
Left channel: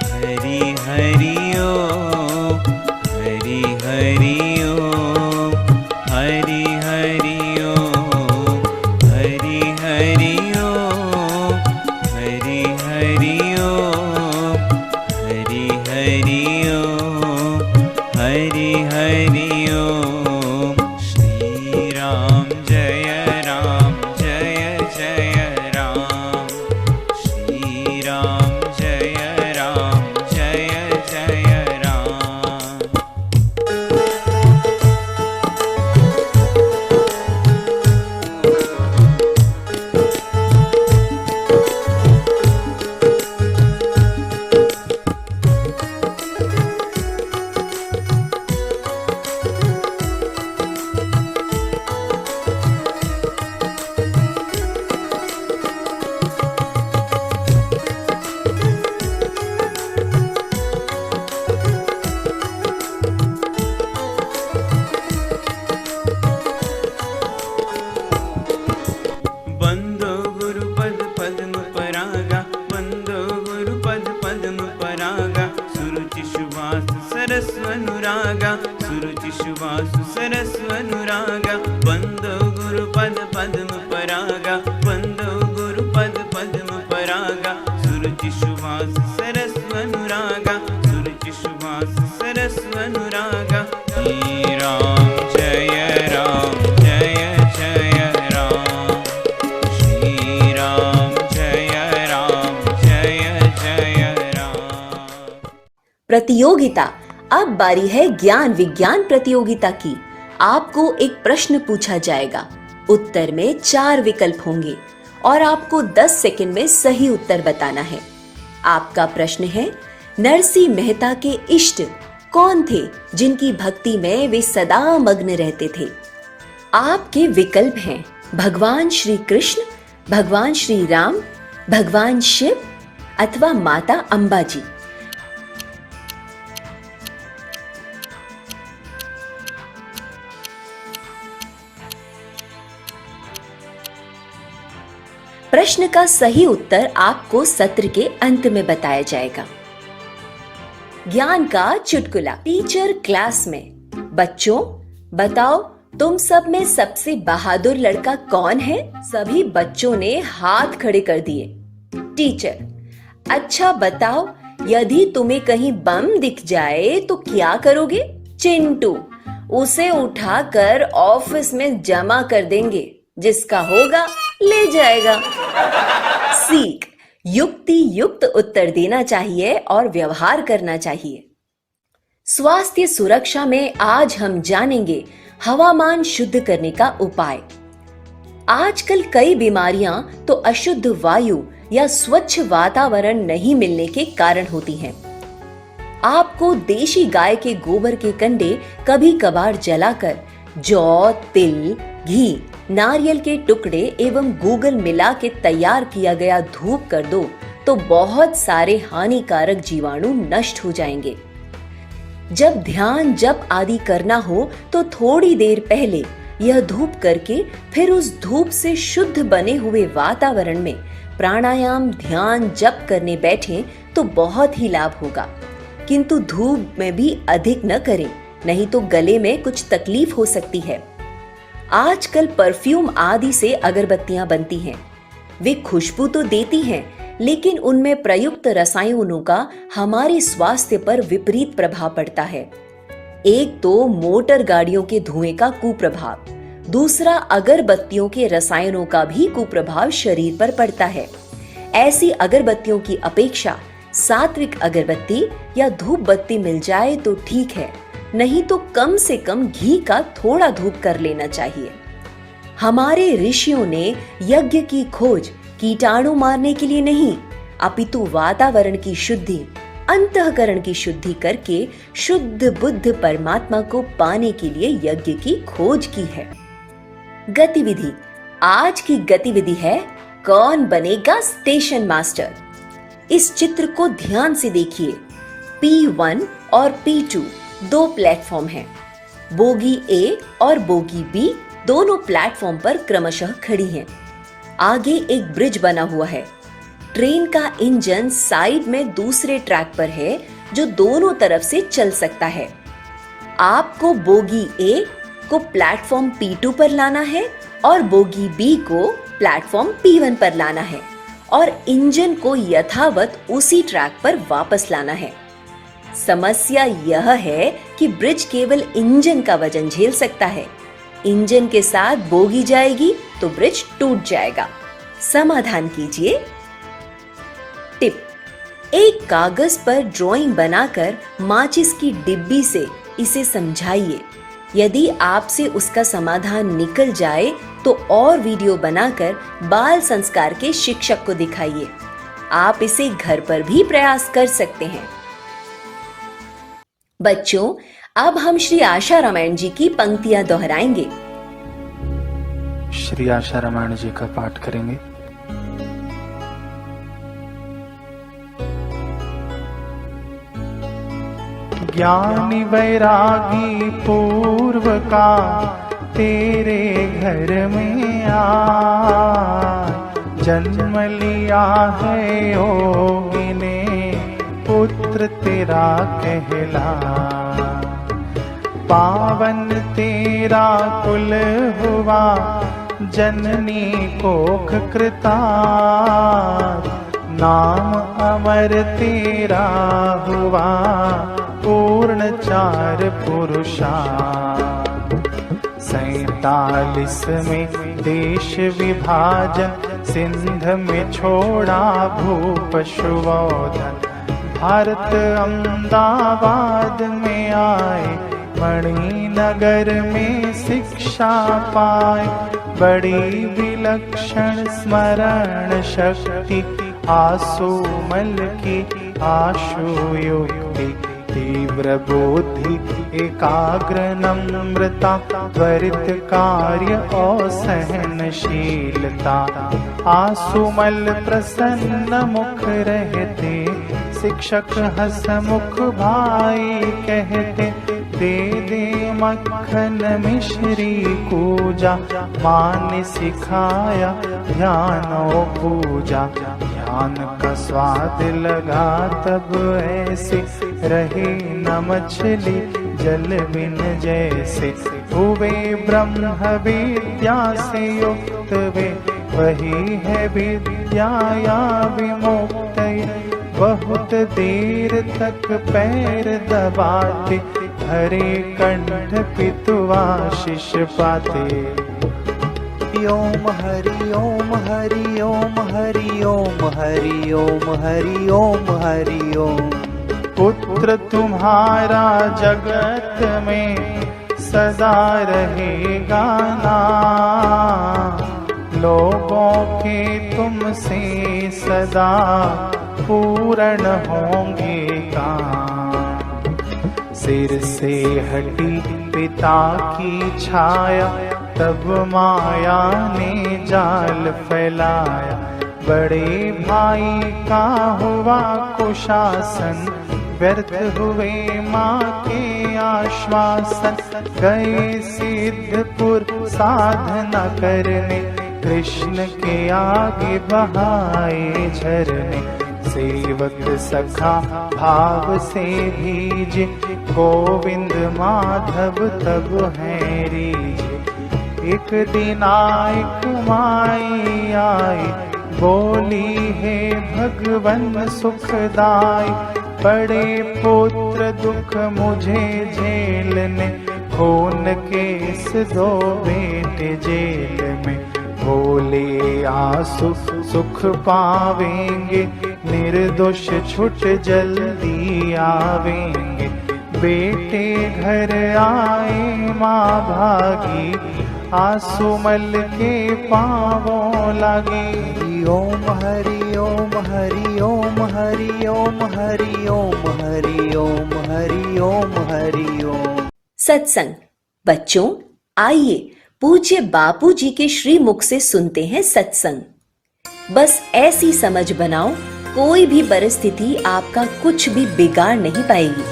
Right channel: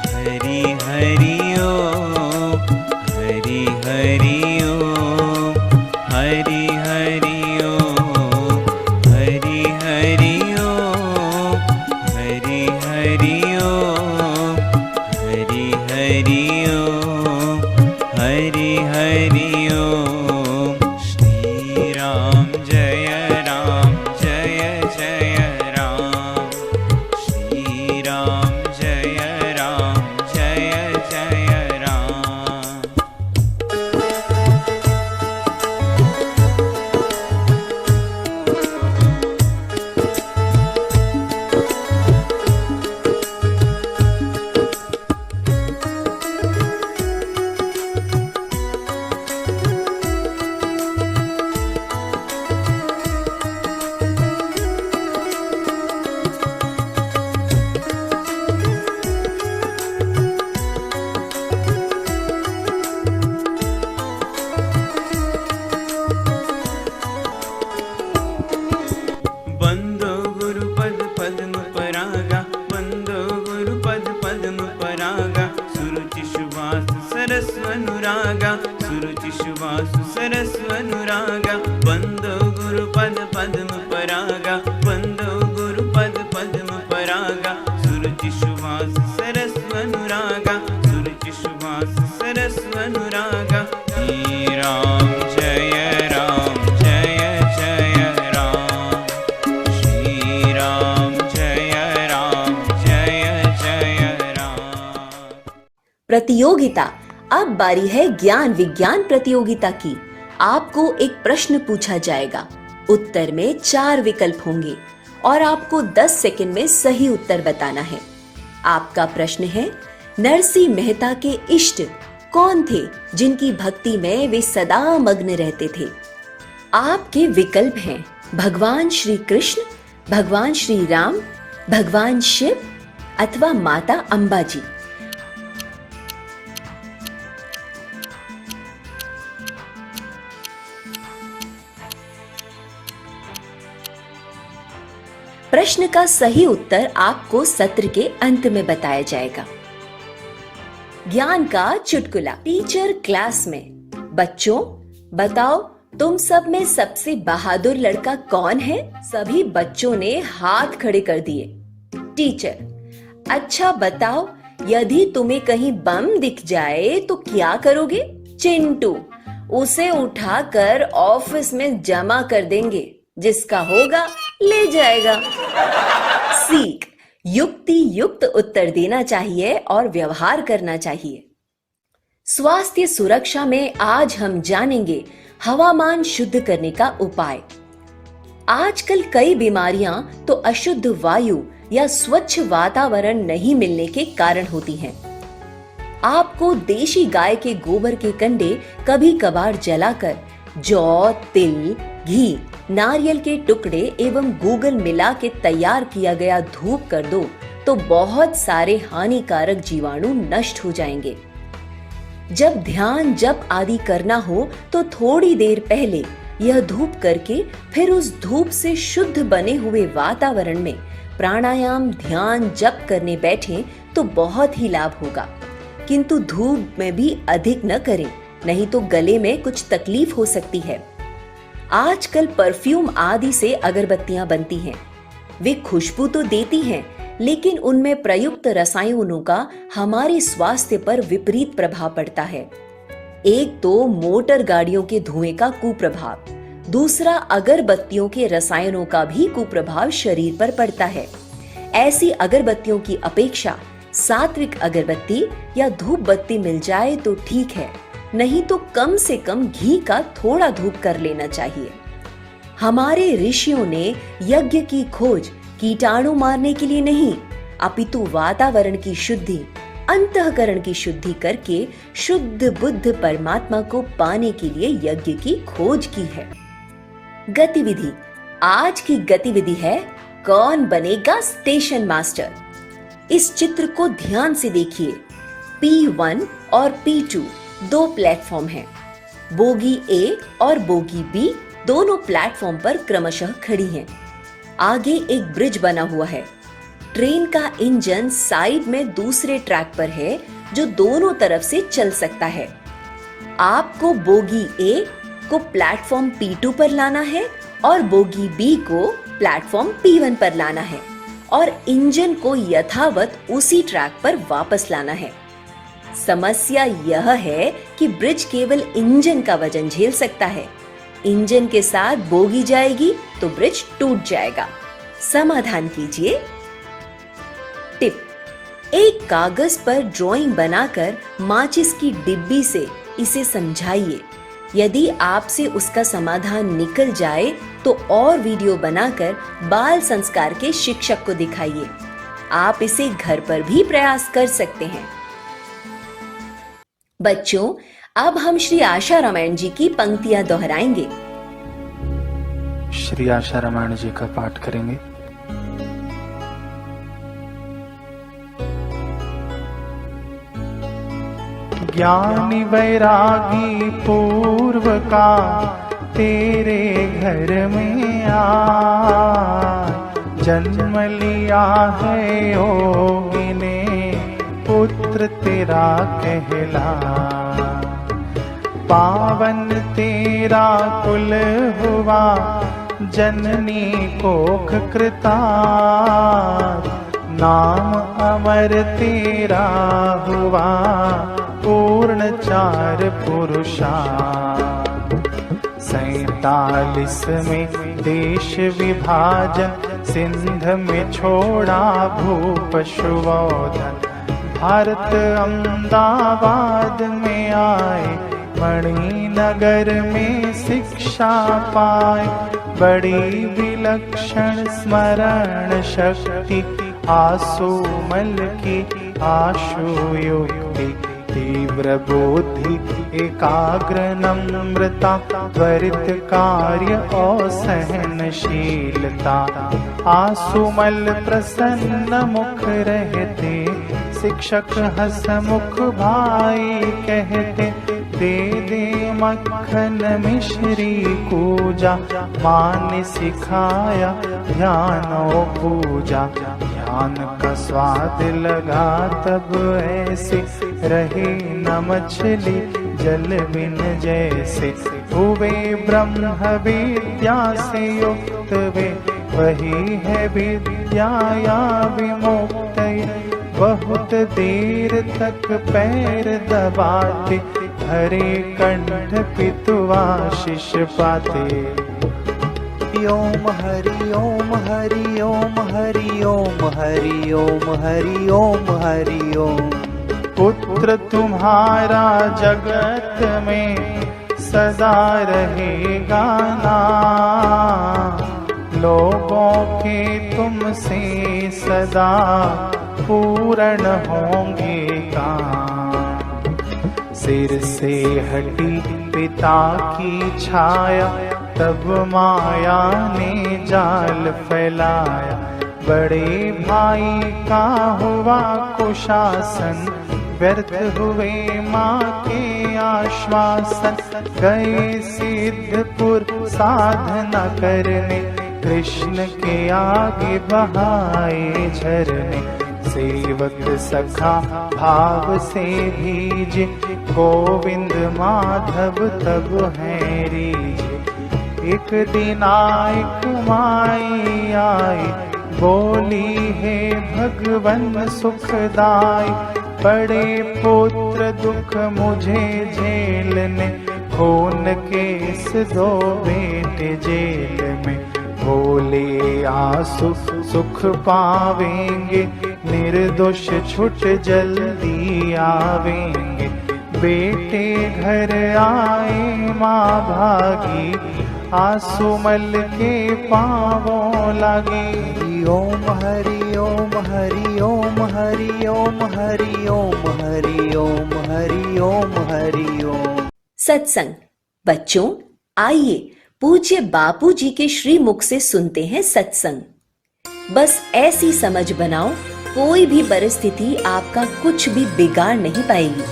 हरि हरि ओम, हरि हरि ओम, हरि हरि ओम, हरि हरि ओम, हरि हरि ओम, हरि हरि ओम, हरि हरि ओम। श्री राम जय जय राम। श्री राम जय जय राम। बंदो गुरुपद पद्म परागा, बंदो गुरुपद पद्म परागा। सुरुचि सुवास सरस अनुरागा, सुरुचि सुवास सरस अनुरागा। बंदो गुरुपद पद्म परागा, बंदो गुरुपद पद्म परागा। सुरुचि सुवास सरस अनुरागा, सुरुचि सुवास सरस अनुरागा। श्री राम जय जय राम। श्री राम जय जय राम। प्रतियोगिता। अब बारी है ज्ञान विज्ञान प्रतियोगिता की। आपको एक प्रश्न पूछा जाएगा, उत्तर में 4 विकल्प होंगे और आपको 10 सेकंड में सही उत्तर बताना है। आपका प्रश्न है, नरसिंह मेहता के इष्ट कौन थे जिनकी भक्ति में वे सदा मग्न रहते थे? आपके विकल्प हैं भगवान श्री कृष्ण, भगवान श्री राम, भगवान शिव अथवा माता अंबा जी। प्रश्न का सही उत्तर आपको सत्र के अंत में बताया जाएगा। ज्ञान का चुटकुला। टीचर क्लास में, बच्चों बताओ तुम सब में सबसे बहादुर लड़का कौन है? सभी बच्चों ने हाथ खड़े कर दिए। टीचर, अच्छा बताओ यदि तुम्हें कहीं बम दिख जाए तो क्या करोगे? चिंटू, उसे उठाकर ऑफिस में जमा कर देंगे, जिसका होगा ले जाएगा। सीख, युक्ति युक्त उत्तर देना चाहिए और व्यवहार करना चाहिए। स्वास्थ्य सुरक्षा में आज हम जानेंगे हवामान शुद्ध करने का उपाय। आजकल कई बीमारियां तो अशुद्ध वायु या स्वच्छ वातावरण नहीं मिलने के कारण होती हैं। आपको देशी गाय के गोबर के कंडे कभी कभार जलाकर जौ, तिल, घी, नारियल के टुकड़े एवं गूगल मिला के तैयार किया गया धूप कर दो तो बहुत सारे हानिकारक जीवाणु नष्ट हो जाएंगे। जब ध्यान जप आदि करना हो तो थोड़ी देर पहले यह धूप करके फिर उस धूप से शुद्ध बने हुए वातावरण में प्राणायाम ध्यान जप करने बैठे तो बहुत ही लाभ होगा। किंतु धूप में भी अधिक न करें, नहीं तो गले में कुछ तकलीफ हो सकती है। आजकल परफ्यूम आदि से अगरबत्तियां बनती हैं। वे खुशबू तो देती हैं, लेकिन उनमें प्रयुक्त रसायनों का हमारे स्वास्थ्य पर विपरीत प्रभाव पड़ता है। एक तो मोटर गाड़ियों के धुएं का कुप्रभाव, दूसरा, अगरबत्तियों के रसायनों का भी कुप्रभाव शरीर पर पड़ता है। ऐसी अगरबत्तियों की अपेक्षा सात्विक अगरबत्ती या धूप बत्ती मिल जाए तो ठीक है, नहीं तो कम से कम घी का थोड़ा धूप कर लेना चाहिए। हमारे ऋषियों ने यज्ञ की खोज कीटाणु मारने के लिए नहीं, अपितु वातावरण की शुद्धि, अंतःकरण की शुद्धि करके शुद्ध बुद्ध परमात्मा को पाने के लिए यज्ञ की खोज की है। गतिविधि। आज की गतिविधि है कौन बनेगा स्टेशन मास्टर। इस चित्र को ध्यान से देखिए। P1 और P2 दो प्लेटफॉर्म हैं। बोगी A और बोगी B दोनों प्लेटफॉर्म पर क्रमशः खड़ी हैं। आगे एक ब्रिज बना हुआ है। ट्रेन का इंजन साइड में दूसरे ट्रैक पर है जो दोनों तरफ से चल सकता है। आपको बोगी A को प्लेटफॉर्म P2 पर लाना है और बोगी B को प्लेटफॉर्म P1 पर लाना है और इंजन को यथावत उसी ट्रैक पर वापस लाना है। समस्या यह है कि ब्रिज केवल इंजन का वजन झेल सकता है। इंजन के साथ बोगी जाएगी तो ब्रिज टूट जाएगा। समाधान कीजिए। टिप: एक कागज पर ड्राइंग बनाकर माचिस की डिब्बी से इसे समझाइए। यदि आपसे उसका समाधान निकल जाए तो और वीडियो बनाकर बाल संस्कार के शिक्षक को दिखाइए। आप इसे घर पर भी प्रयास कर सकते हैं। बच्चों, अब हम श्री आशा रामायण जी की पंक्तियां दोहराएंगे। श्री आशा रामायण जी का पाठ करेंगे। ज्ञानी वैरागी पूर्व का तेरे घर में आ, जन्म लिया है योगी ने पुत्र तेरा कहला। पावन तेरा कुल हुआ जननी कोख कृता, नाम अमर तेरा हुआ पूर्ण चार पुरुषा। 47 में देश विभाजन, सिंध में छोड़ा भूप शुभोधन। भारत अहमदाबाद में आए, मणिनगर में शिक्षा पाए। बड़ी विलक्षण स्मरण शक्ति, आसुमल की आशु युक्ति। तीव्र बुद्धि एकाग्र नम्रता, त्वरित कार्य और सहनशीलता। आसुमल प्रसन्न मुख रहते, शिक्षक हसमुख भाई कहते। दे दे मक्खन मिश्री कूजा, माँ ने सिखाया ध्यान और पूजा। ज्ञान का स्वाद लगा तब ऐसे, रहे न मछली जल बिन जैसे। हुए ब्रह्म विद्या से युक्त वे, वही है विद्या या विमुक्त। बहुत देर तक पैर दबाते, हरे कंठ पितुआशीष पाते। ओम हरि ओम हरि ओम हरि ओम हरि ओम हरि ओम हरि ओम। पुत्र तुम्हारा जगत में सदा रहेगा नाम। लोगों के तुमसे सदा पूर्ण होंगे काम। सिर से हटी पिता की छाया, तब माया ने जाल फैलाया। बड़े भाई का हुआ कुशासन, व्यर्थ हुए माँ के आश्वासन। गए सिद्धपुर साधना करने, कृष्ण के आगे बहाए झरने। सेवक सखा भाव से भीजे, गोविंद माधव तब है रीजे। एक दिन एक माई आई, बोली है भगवन सुखदाई। बड़े पुत्र दुख मुझे झेलने, खून के इस दो बेटे जेल में, बोले आंसू सुख पावेंगे, निर्दोष छुट जल्दी आवेंगे। बेटे घर आए माँ भागी, आंसू मल के पाँवों लगी। ओम हरि ओम हरि ओम हरि ओम हरि ओम हरि ओम हरि ओम हरि ओम। सत्संग। बच्चों, आइए पूज्य बापू जी के श्रीमुख से सुनते हैं सत्संग। बस ऐसी समझ बनाओ, कोई भी परिस्थिति आपका कुछ भी बिगाड़ नहीं पाएगी।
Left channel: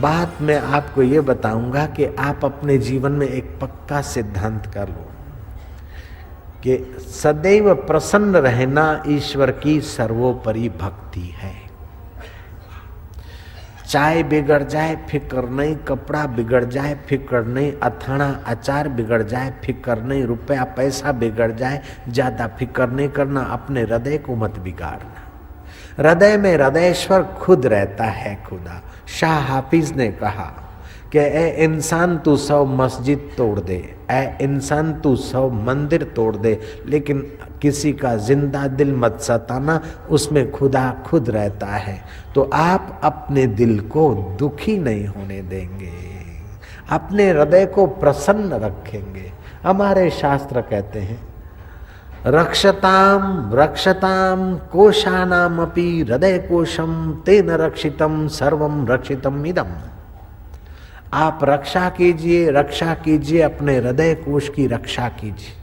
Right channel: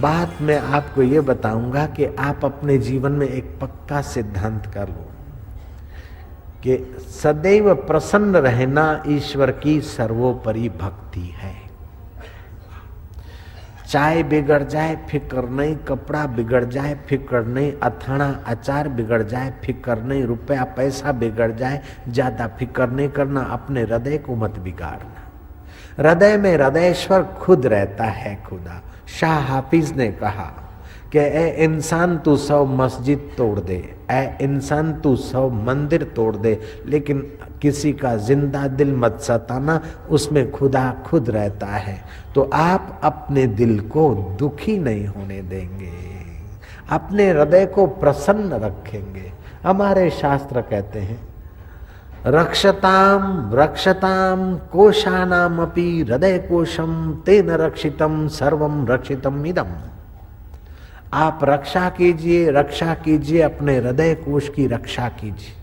बात मैं आपको ये बताऊंगा कि आप अपने जीवन में एक पक्का सिद्धांत कर लो कि सदैव प्रसन्न रहना ईश्वर की सर्वोपरि भक्ति है। चाय बिगड़ जाए फिक्र नहीं, कपड़ा बिगड़ जाए फिक्र नहीं, अथाना अचार बिगड़ जाए फिक्र नहीं, रुपया पैसा बिगड़ जाए ज्यादा फिक्र नहीं करना। अपने हृदय को मत बिगाड़ना। हृदय में हृदयेश्वर खुद रहता है। खुदा शाह हाफिज ने कहा कि ए इंसान तू 100 मस्जिद तोड़ दे, ए इंसान तू 100 मंदिर तोड़ दे, लेकिन किसी का जिंदा दिल मत सताना, उसमें खुदा खुद रहता है। तो आप अपने दिल को दुखी नहीं होने देंगे, अपने हृदय को प्रसन्न रखेंगे। हमारे शास्त्र कहते हैं रक्षताम रक्षताम कोशानाम अपि हृदय कोशम तेन रक्षितम सर्वम रक्षितम इदम। आप रक्षा कीजिए अपने हृदय कोश की रक्षा कीजिए।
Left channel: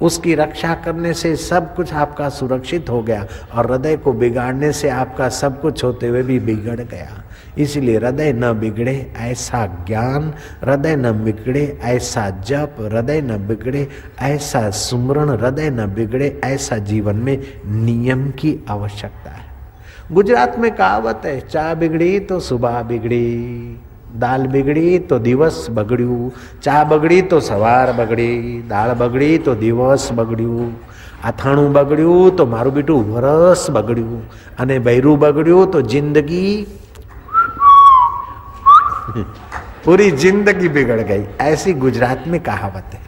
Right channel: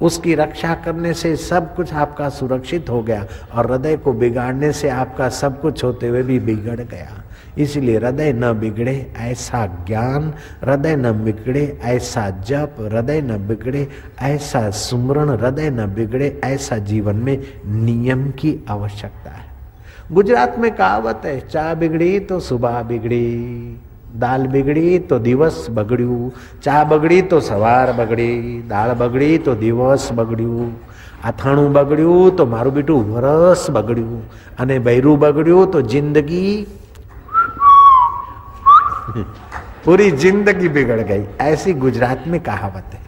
उसकी रक्षा करने से सब कुछ आपका सुरक्षित हो गया, और हृदय को बिगाड़ने से आपका सब कुछ होते हुए भी बिगड़ गया। इसलिए हृदय न बिगड़े ऐसा ज्ञान, हृदय न बिगड़े ऐसा जप, हृदय न बिगड़े ऐसा सुमरण, हृदय न बिगड़े ऐसा जीवन में नियम की आवश्यकता है। गुजरात में कहावत है, चा बिगड़ी तो सुबह बिगड़ी, दाल बिगड़ी तो दिवस बगड़્યું, ચા બગડી તો સવાર બગડી, દાળ બગડી તો દિવસ બગડ્યું, અથાણું બગડ્યું તો મારું બેટું વરસ બગડ્યું, અને બૈરું બગડ્યું તો જિંદગી पूरी जिंदगी बिगड़ गई। ऐसी गुजरात में कहावत है।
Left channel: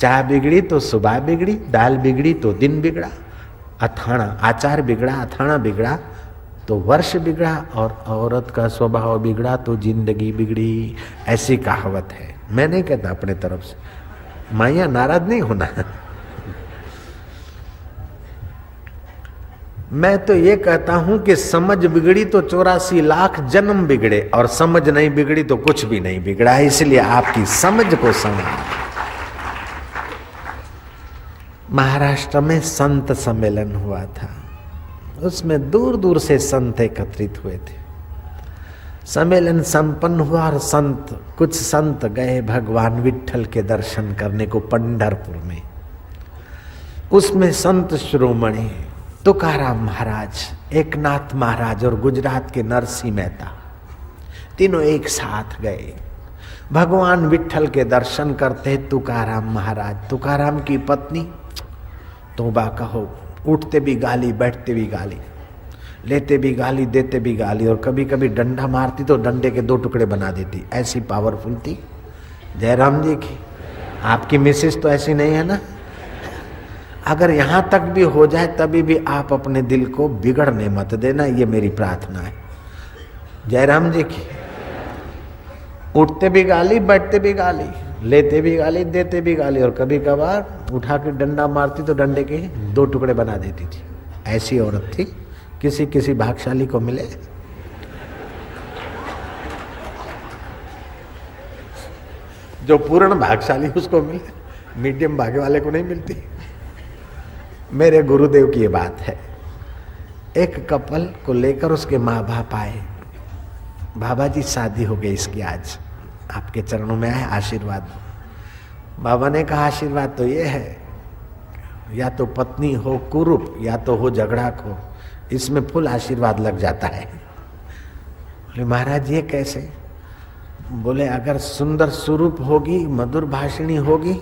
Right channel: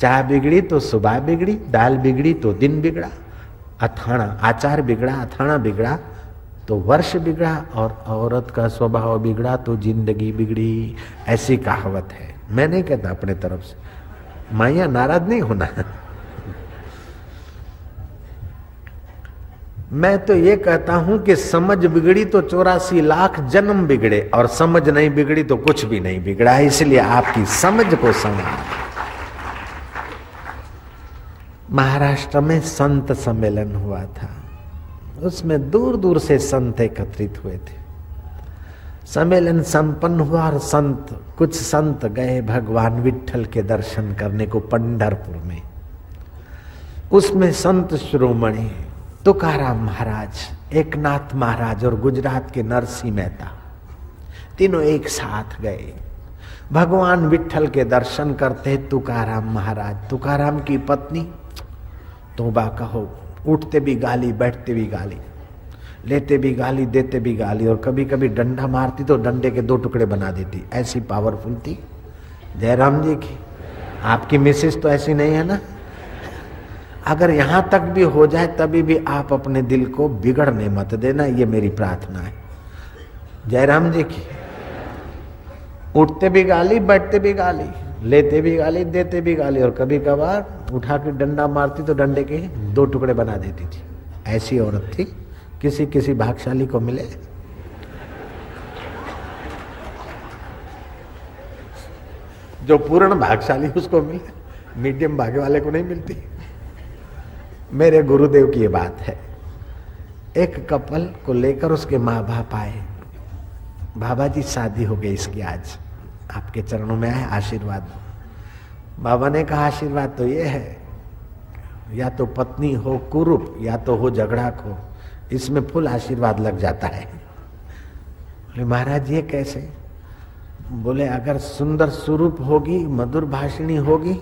चाय बिगड़ी तो सुबह बिगड़ी, दाल बिगड़ी तो दिन बिगड़ा, अथाणा आचार बिगड़ा, अथाणा बिगड़ा तो वर्ष बिगड़ा, और औरत का स्वभाव बिगड़ा तो जिंदगी बिगड़ी। ऐसी कहावत है। मैं नहीं कहता अपने तरफ से, माया नाराज नहीं होना। मैं तो ये कहता हूं कि समझ बिगड़ी तो 84 लाख जन्म बिगड़े, और समझ नहीं बिगड़ी तो कुछ भी नहीं बिगड़ा। इसलिए आपकी समझ को संभाल। महाराष्ट्र में संत सम्मेलन हुआ था, उसमें दूर दूर से संत एकत्रित हुए थे। सम्मेलन संपन्न हुआ और कुछ संत गए भगवान विट्ठल के दर्शन करने को पंढरपुर में। उसमें संत शिरोमणि तुकाराम महाराज, एकनाथ महाराज और गुजरात के नरसिंह मेहता, तीनों एक साथ गए भगवान विट्ठल के दर्शन करते। तुकाराम महाराज, तुकाराम की पत्नी तौबा कहो, उठते भी गाली, बैठते भी गाली, लेते भी गाली, देते भी गाली, और कभी कभी डंडा मारती तो डंडे के 2 टुकड़े बना देती। ऐसी पावरफुल थी जयराम जी की। आपकी मिसेस तो ऐसी नहीं है ना? अगर यहां तक भी हो जाए तभी भी आप अपने दिल को बिगड़ने मत देना, ये मेरी प्रार्थना है जयराम जी की। उठते भी गाली, बैठते भी गाली, लेते भी गाली, देते भी गाली, और कभी कभार उठा के डंडा मारती तो डंडे के 2 टुकड़े बना देती थी। ऐसी औरत थी। किसी किसी भाग्यशाली को मिले। जो पूर्ण भाग्यशाली उसको मिले, मीडियम भाग्य वाले को नहीं मिलती। मेरे गुरुदेव की ये बात है। एक कपल को लेकर उसके माँ बाप आए, बाबा जी शादी हो गई इसकी, आज आपके चरणों में आए, आशीर्वाद दो। बाबा ने कहा आशीर्वाद तो ये है, या तो पत्नी हो कुरूप या तो हो झगड़ाक हो, इसमें फुल आशीर्वाद लग जाता है। बोले महाराज ये कैसे? बोले अगर सुंदर स्वरूप होगी, मधुर भाषिणी होगी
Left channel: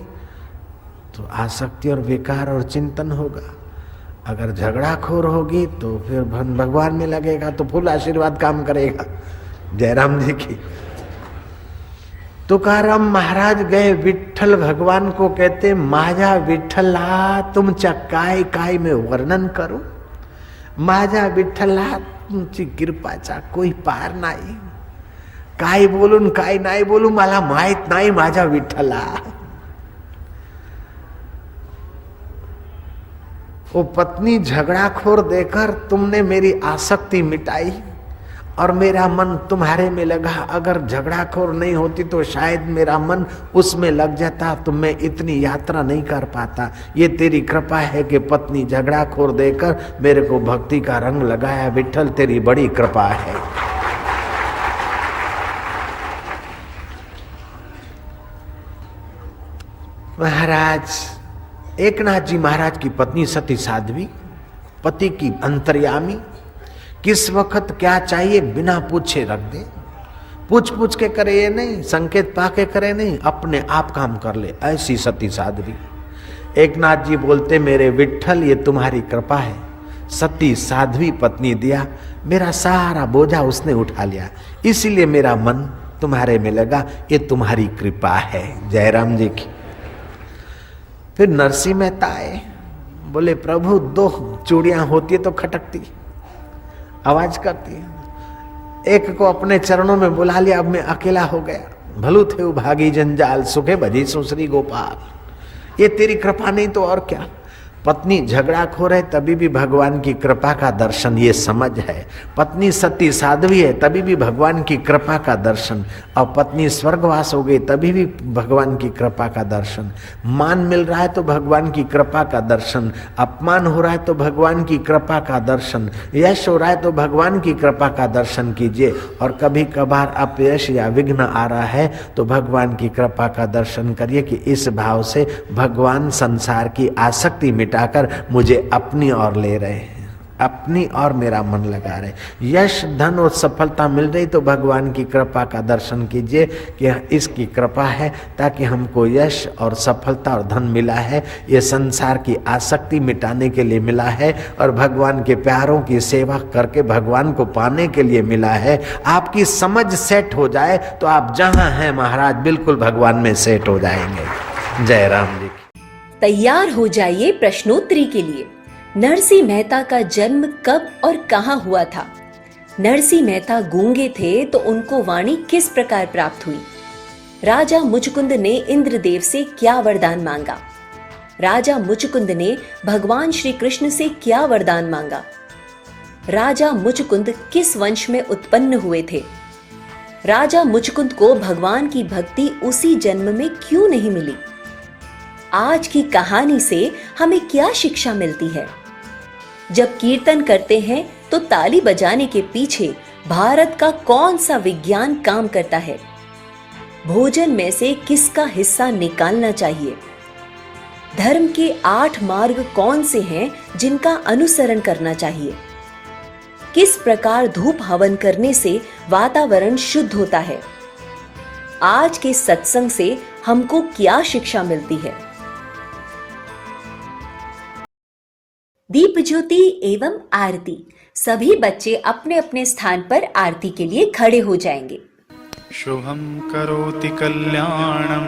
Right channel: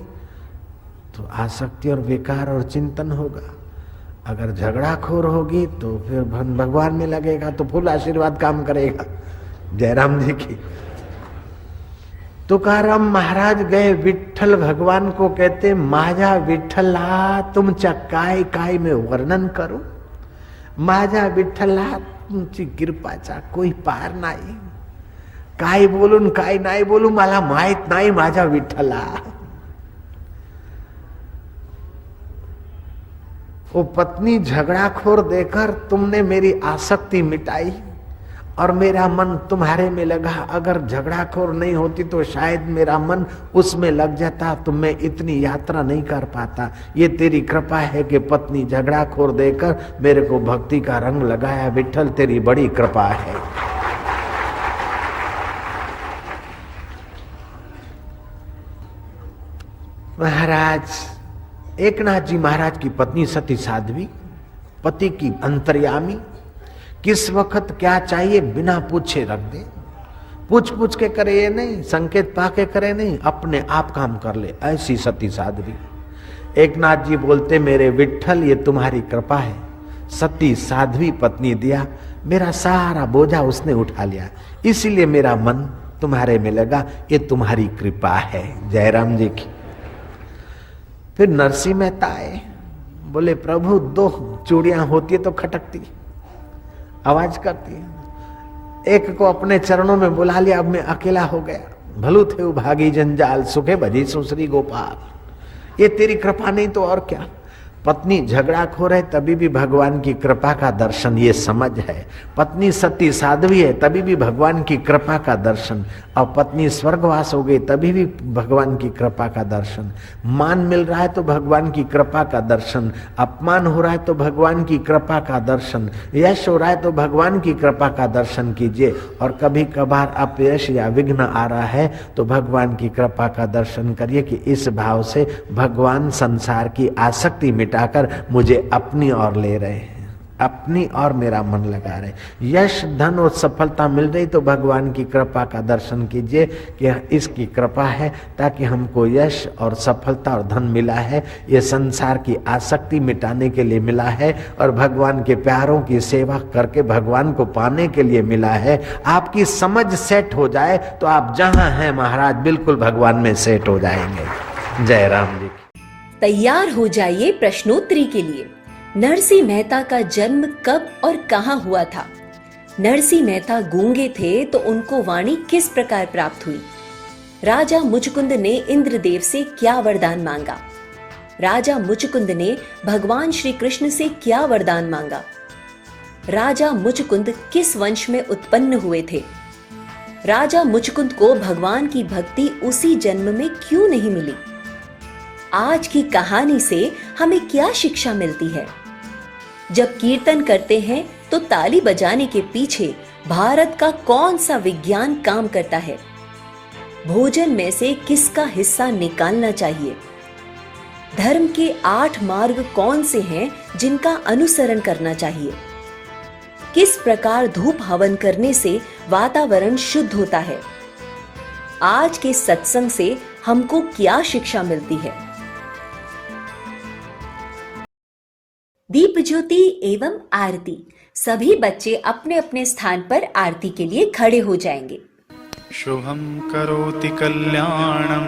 तो आसक्ति और विकार और चिंतन होगा। अगर झगड़ाखोर होगी तो फिर भगवान में लगेगा तो फुल आशीर्वाद काम करेगा। जयराम जी की। तुकाराम महाराज गए विठ्ठल भगवान को कहते, माझा विठ्ठला तुमच्या काय काय में वर्णन करू, माझा विठ्ठला तुमची कृपाचा कोई पार नाही, काय बोलून काय नाही बोलू मला माहित नाही माझा विठ्ठला। वो पत्नी झगड़ाखोर देकर तुमने मेरी आसक्ति मिटाई और मेरा मन तुम्हारे में लगा। अगर झगड़ाखोर नहीं होती तो शायद मेरा मन उसमें लग जाता, तो मैं इतनी यात्रा नहीं कर पाता। ये तेरी कृपा है कि पत्नी झगड़ाखोर देकर मेरे को भक्ति का रंग लगाया। विठ्ठल तेरी बड़ी कृपा है। महाराज एकनाथ जी महाराज की पत्नी सती साध्वी, पति की अंतर्यामी, किस वक्त क्या चाहिए बिना पूछे रख दे। पूछ पूछ के करे ये नहीं, संकेत पाके करे नहीं, अपने आप काम कर ले, ऐसी सती साध्वी। एकनाथ जी बोलते, मेरे विठ्ठल ये तुम्हारी कृपा है। सती साध्वी पत्नी दिया, मेरा सारा बोझा उसने उठा लिया, इसीलिए मेरा मन तुम्हारे में लगा। ये तुम्हारी कृपा है। जयराम जी की। फिर नरसिंह मेहता आए, बोले प्रभु 2 चूड़ियां होती है तो खटकती, आवाज करती है। एक को अपने चरणों में बुला लिया, अब मैं अकेला हो गया। भलू थे भागी जंजाल, सुखे भजी सुश्री गोपाल। ये तेरी कृपा नहीं तो और क्या। पत्नी झगड़ाखोर है तभी भी भगवान की कृपा का दर्शन, ये समझ है। पत्नी सती साध्वी है तभी भी भगवान की कृपा का दर्शन, और पत्नी स्वर्गवास हो गई तभी भी भगवान की कृपा का दर्शन। मान मिल रहा है तो भगवान की कृपा का दर्शन, अपमान हो रहा है तो भगवान की कृपा का दर्शन, यश हो रहा है तो भगवान की कृपा का दर्शन कीजिए। और कभी कभार अपयश या विघ्न आ रहा है तो भगवान की कृपा का दर्शन करिए कि इस भाव से भगवान संसार की आसक्ति मिटाकर मुझे अपनी ओर ले रहे हैं, अपनी और मेरा मन लगा रहे। यश धन और सफलता मिल रही तो भगवान की कृपा का दर्शन कीजिए कि इसकी कृपा है ताकि हमको यश और सफलता और धन मिला है, ये संसार की आसक्ति मिटाने के लिए मिला है और भगवान के प्यारों की सेवा करके भगवान को पाने के लिए मिला है। आपकी समझ सेट हो जाए तो आप जहां हैं महाराज बिल्कुल भगवान में सेट हो जाएंगे। जय राम जी। तैयार हो जाइए प्रश्नोत्तरी के लिए। नरसिंह मेहता का जन्म कब और कहां हुआ था? नरसिंह मेहता गूंगे थे तो उनको वाणी किस प्रकार प्राप्त हुई? राजा मुचकुंद ने इंद्रदेव से क्या वरदान मांगा? राजा मुचकुंद ने भगवान श्री कृष्ण से क्या वरदान मांगा? राजा मुचकुंद किस वंश में उत्पन्न हुए थे? राजा मुचकुंद को भगवान की भक्ति उसी जन्म में क्यों नहीं मिली? आज की कहानी से हमें क्या शिक्षा मिलती है? जब कीर्तन करते हैं तो ताली बजाने के पीछे भारत का कौन सा विज्ञान काम करता है? भोजन में से किसका हिस्सा निकालना चाहिए? धर्म के 8 मार्ग कौन से हैं जिनका अनुसरण करना चाहिए? किस प्रकार धूप हवन करने से वातावरण शुद्ध होता है? आज के सत्संग से हमको क्या शिक्षा मिलती है? दीप ज्योति एवं आरती। सभी बच्चे अपने अपने स्थान पर आरती के लिए खड़े हो जाएंगे। शुभं करोति कल्याणं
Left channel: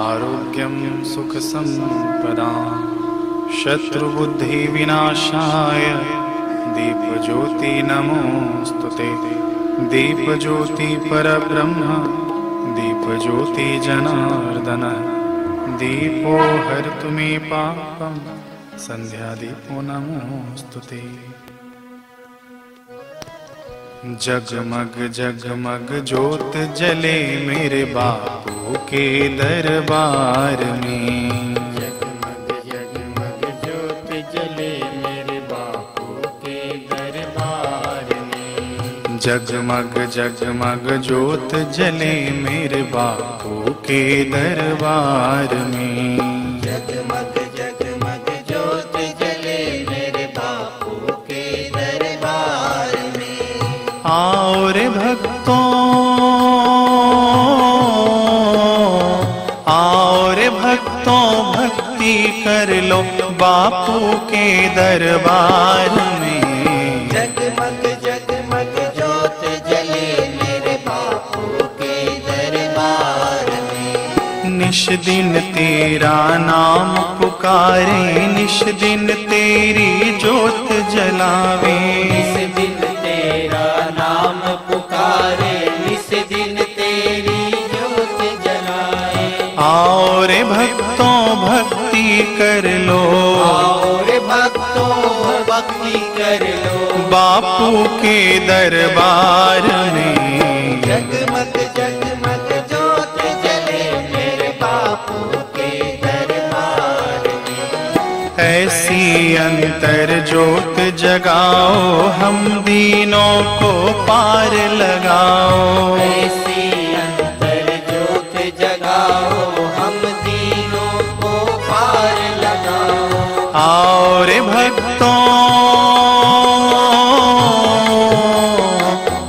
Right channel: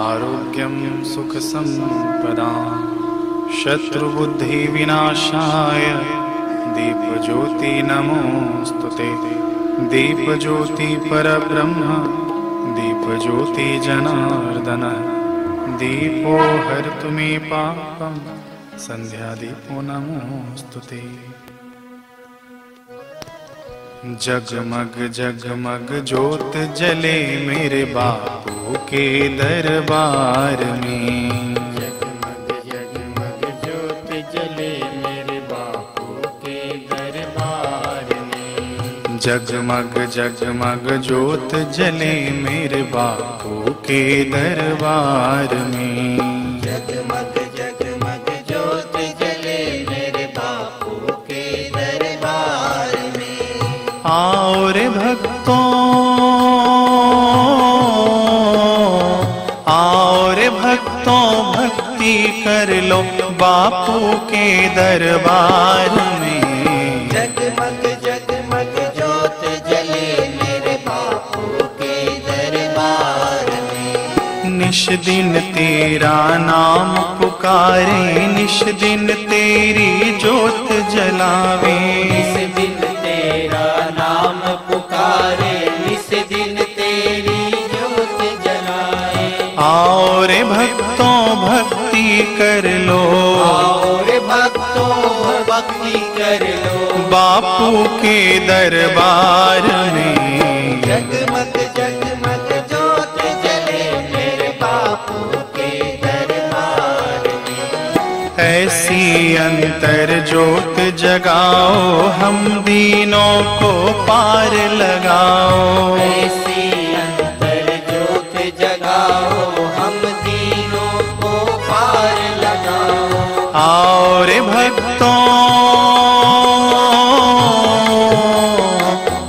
आरोग्यं सुख संपदां शत्रुबुद्धि विनाशाय दीपज्योति नमोस्तुते। दीपज्योति परब्रह्म दीपज्योति जनार्दन दीपो हरतु मे पापं संध्या दीपो नमोस्तुते। जगमग जगमग ज्योत जले मेरे बापू के दरबार में। जगमग जगमग ज्योत जले मेरे बापू के दरबार में। जगमग जगमग ज्योत जले मेरे बापू के दरबार में। जगमग जगमग ज्योत जले मेरे बापू के दरबार में। आओ रे भक्तों, आओ रे भक्तों, भक्ति कर लो बापू के दरबार में। जगमग जगमग ज्योत जले मेरे बापू के दरबार में। निश दिन तेरा नाम पुकारे, निश दिन तेरी ज्योत जलावे। निस दिन तेरा नाम पुकारे, निस दिन तेरी ज्योत जलाए। आओ रे भक्तों भक्ति कर लो, आओ रे भक्तों भक्ति कर लो, बापू के दरबार में। जगमग जगमग ज्योत जले मेरे बापू के दरबार में। ऐसी अंतर ज्योत जगाओ, हम दीनों को पार लगाओ। ऐसी अंतर ज्योत जगाओ, हम दीनों को पार लगाओ। आओ रे भक्तों,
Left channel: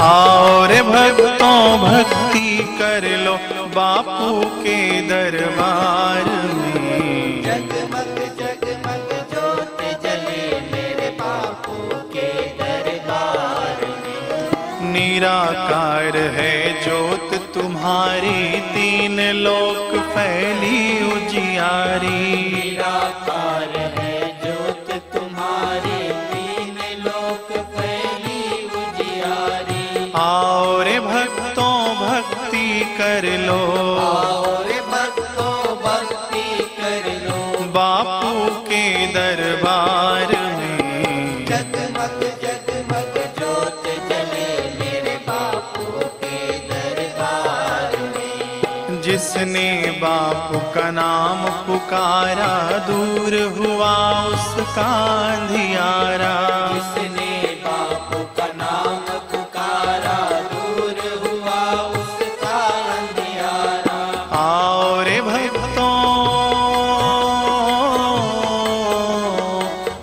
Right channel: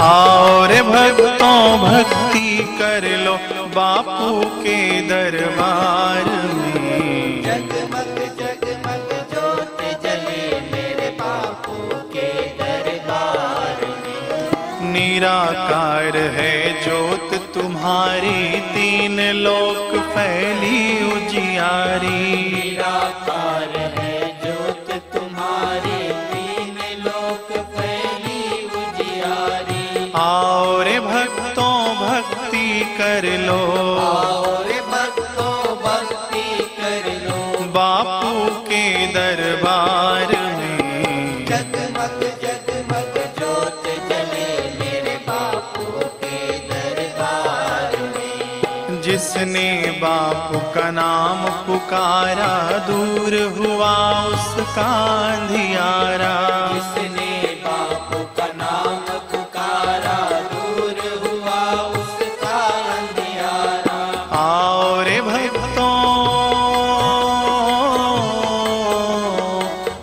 आओ रे भक्तों भक्ति कर लो, बापू के दरबार में। जगमग जगमग ज्योत जले मेरे बापू के दरबार में। निराकार है ज्योत तुम्हारी, तीन लोक फैली उजियारी। निराकार है ज्योत तुम्हारी, तीन लोक फैली उजियारी। आओ रे भक्तों भक्ति कर लो, आओ रे भक्तों भक्ति कर लो, बापू के दरबार में। जगमग जगमग ज्योत जले मेरे बापू के दरबार में। जिसने बापू का नाम पुकारा, दूर हुआ उसका अंधियारा। जिसने बापू का नाम पुकारा, दूर हुआ उसका अंधियारा। आओ रे भक्तों,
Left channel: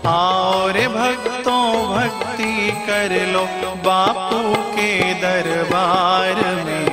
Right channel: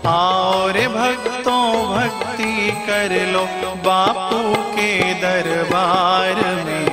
आओ रे भक्तों भक्ति कर लो, बापू के दरबार में।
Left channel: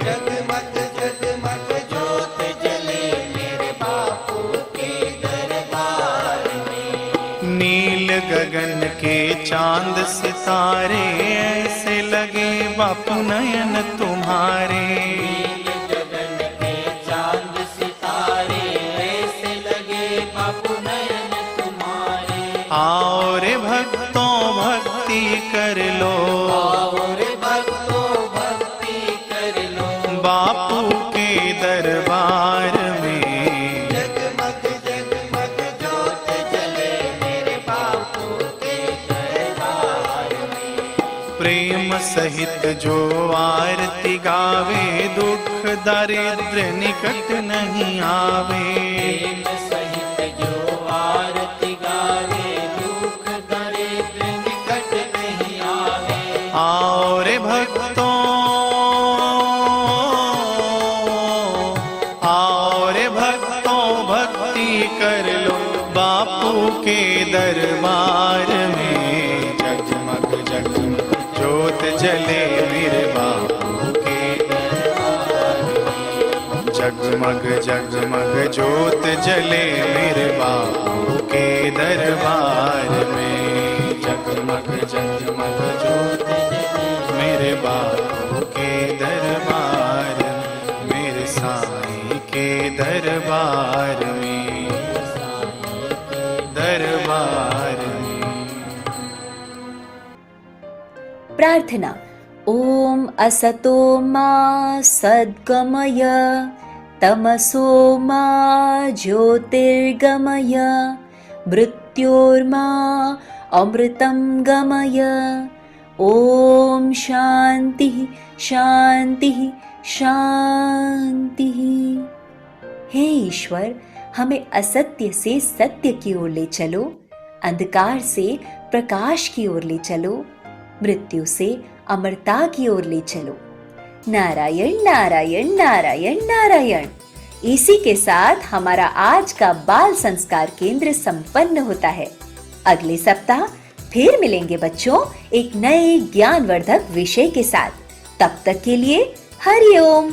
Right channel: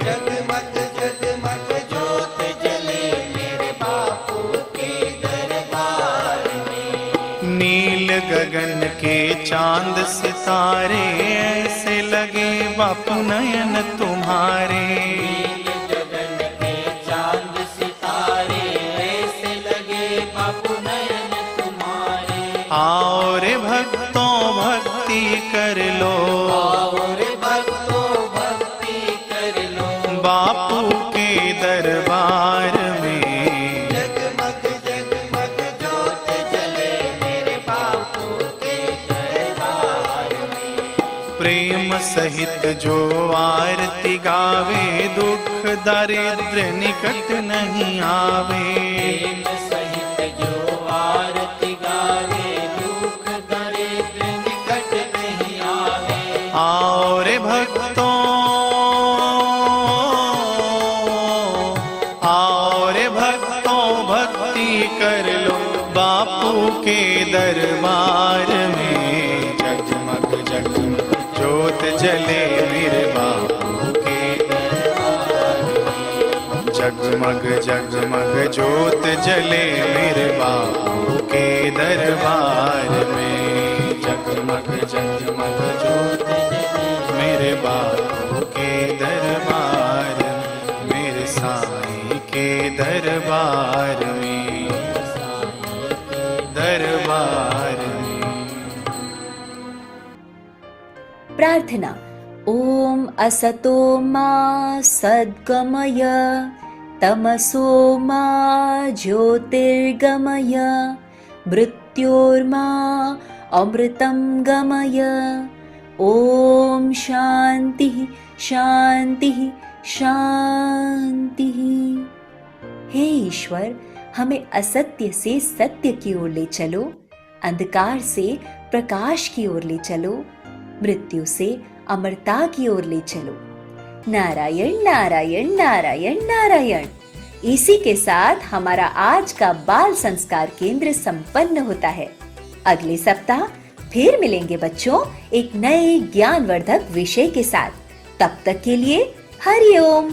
जगमग जगमग ज्योत जले मेरे बापू के दरबार में। नील गगन के चांद सितारे, ऐसे लगे बापू नयन तुम्हारे। नील गगन के चांद सितारे, ऐसे लगे बापू नयन तुम्हारे। आओ रे भक्तों भक्ति कर लो, आओ रे भक्तों भक्ति कर लो, बापू के दरबार में। जगमग जगमग ज्योत जले मेरे बापू के दरबार में। प्रेम सहित जो आरती गावे, दुख दारिद्र निकट नहीं आवे। प्रेम सहित जो आरती गावे, दुख दरिद्र निकट नहीं आवे। आओ रे भक्तों, आओ रे भक्तों भक्ति कर लो, बापू के दरबार में। जगमग जगमग ज्योत जले मेरे बापू के दरबार में। जगमग जगमग ज्योत जले मेरे बापू के दरबार में। जगमग जगमग ज्योत जले मेरे बापू के दरबार में, मेरे साईं के दरबार में, दरबार में। प्रार्थना। ओम असतो मा सद्गमय, तमसो मा ज्योतिर्गमय, मृत्योर्मा अमृतं गमय। ओम शांति शांति शांति। हे ईश्वर, हमें असत्य से सत्य की ओर ले चलो, अंधकार से प्रकाश की ओर ले चलो, मृत्यु से अमरता की ओर ले चलो। नारायण नारायण नारायण नारायण। इसी के साथ हमारा आज का बाल संस्कार केंद्र संपन्न होता है। अगले सप्ताह फिर मिलेंगे बच्चों एक नए ज्ञानवर्धक विषय के साथ। तब तक के लिए हरि ओम।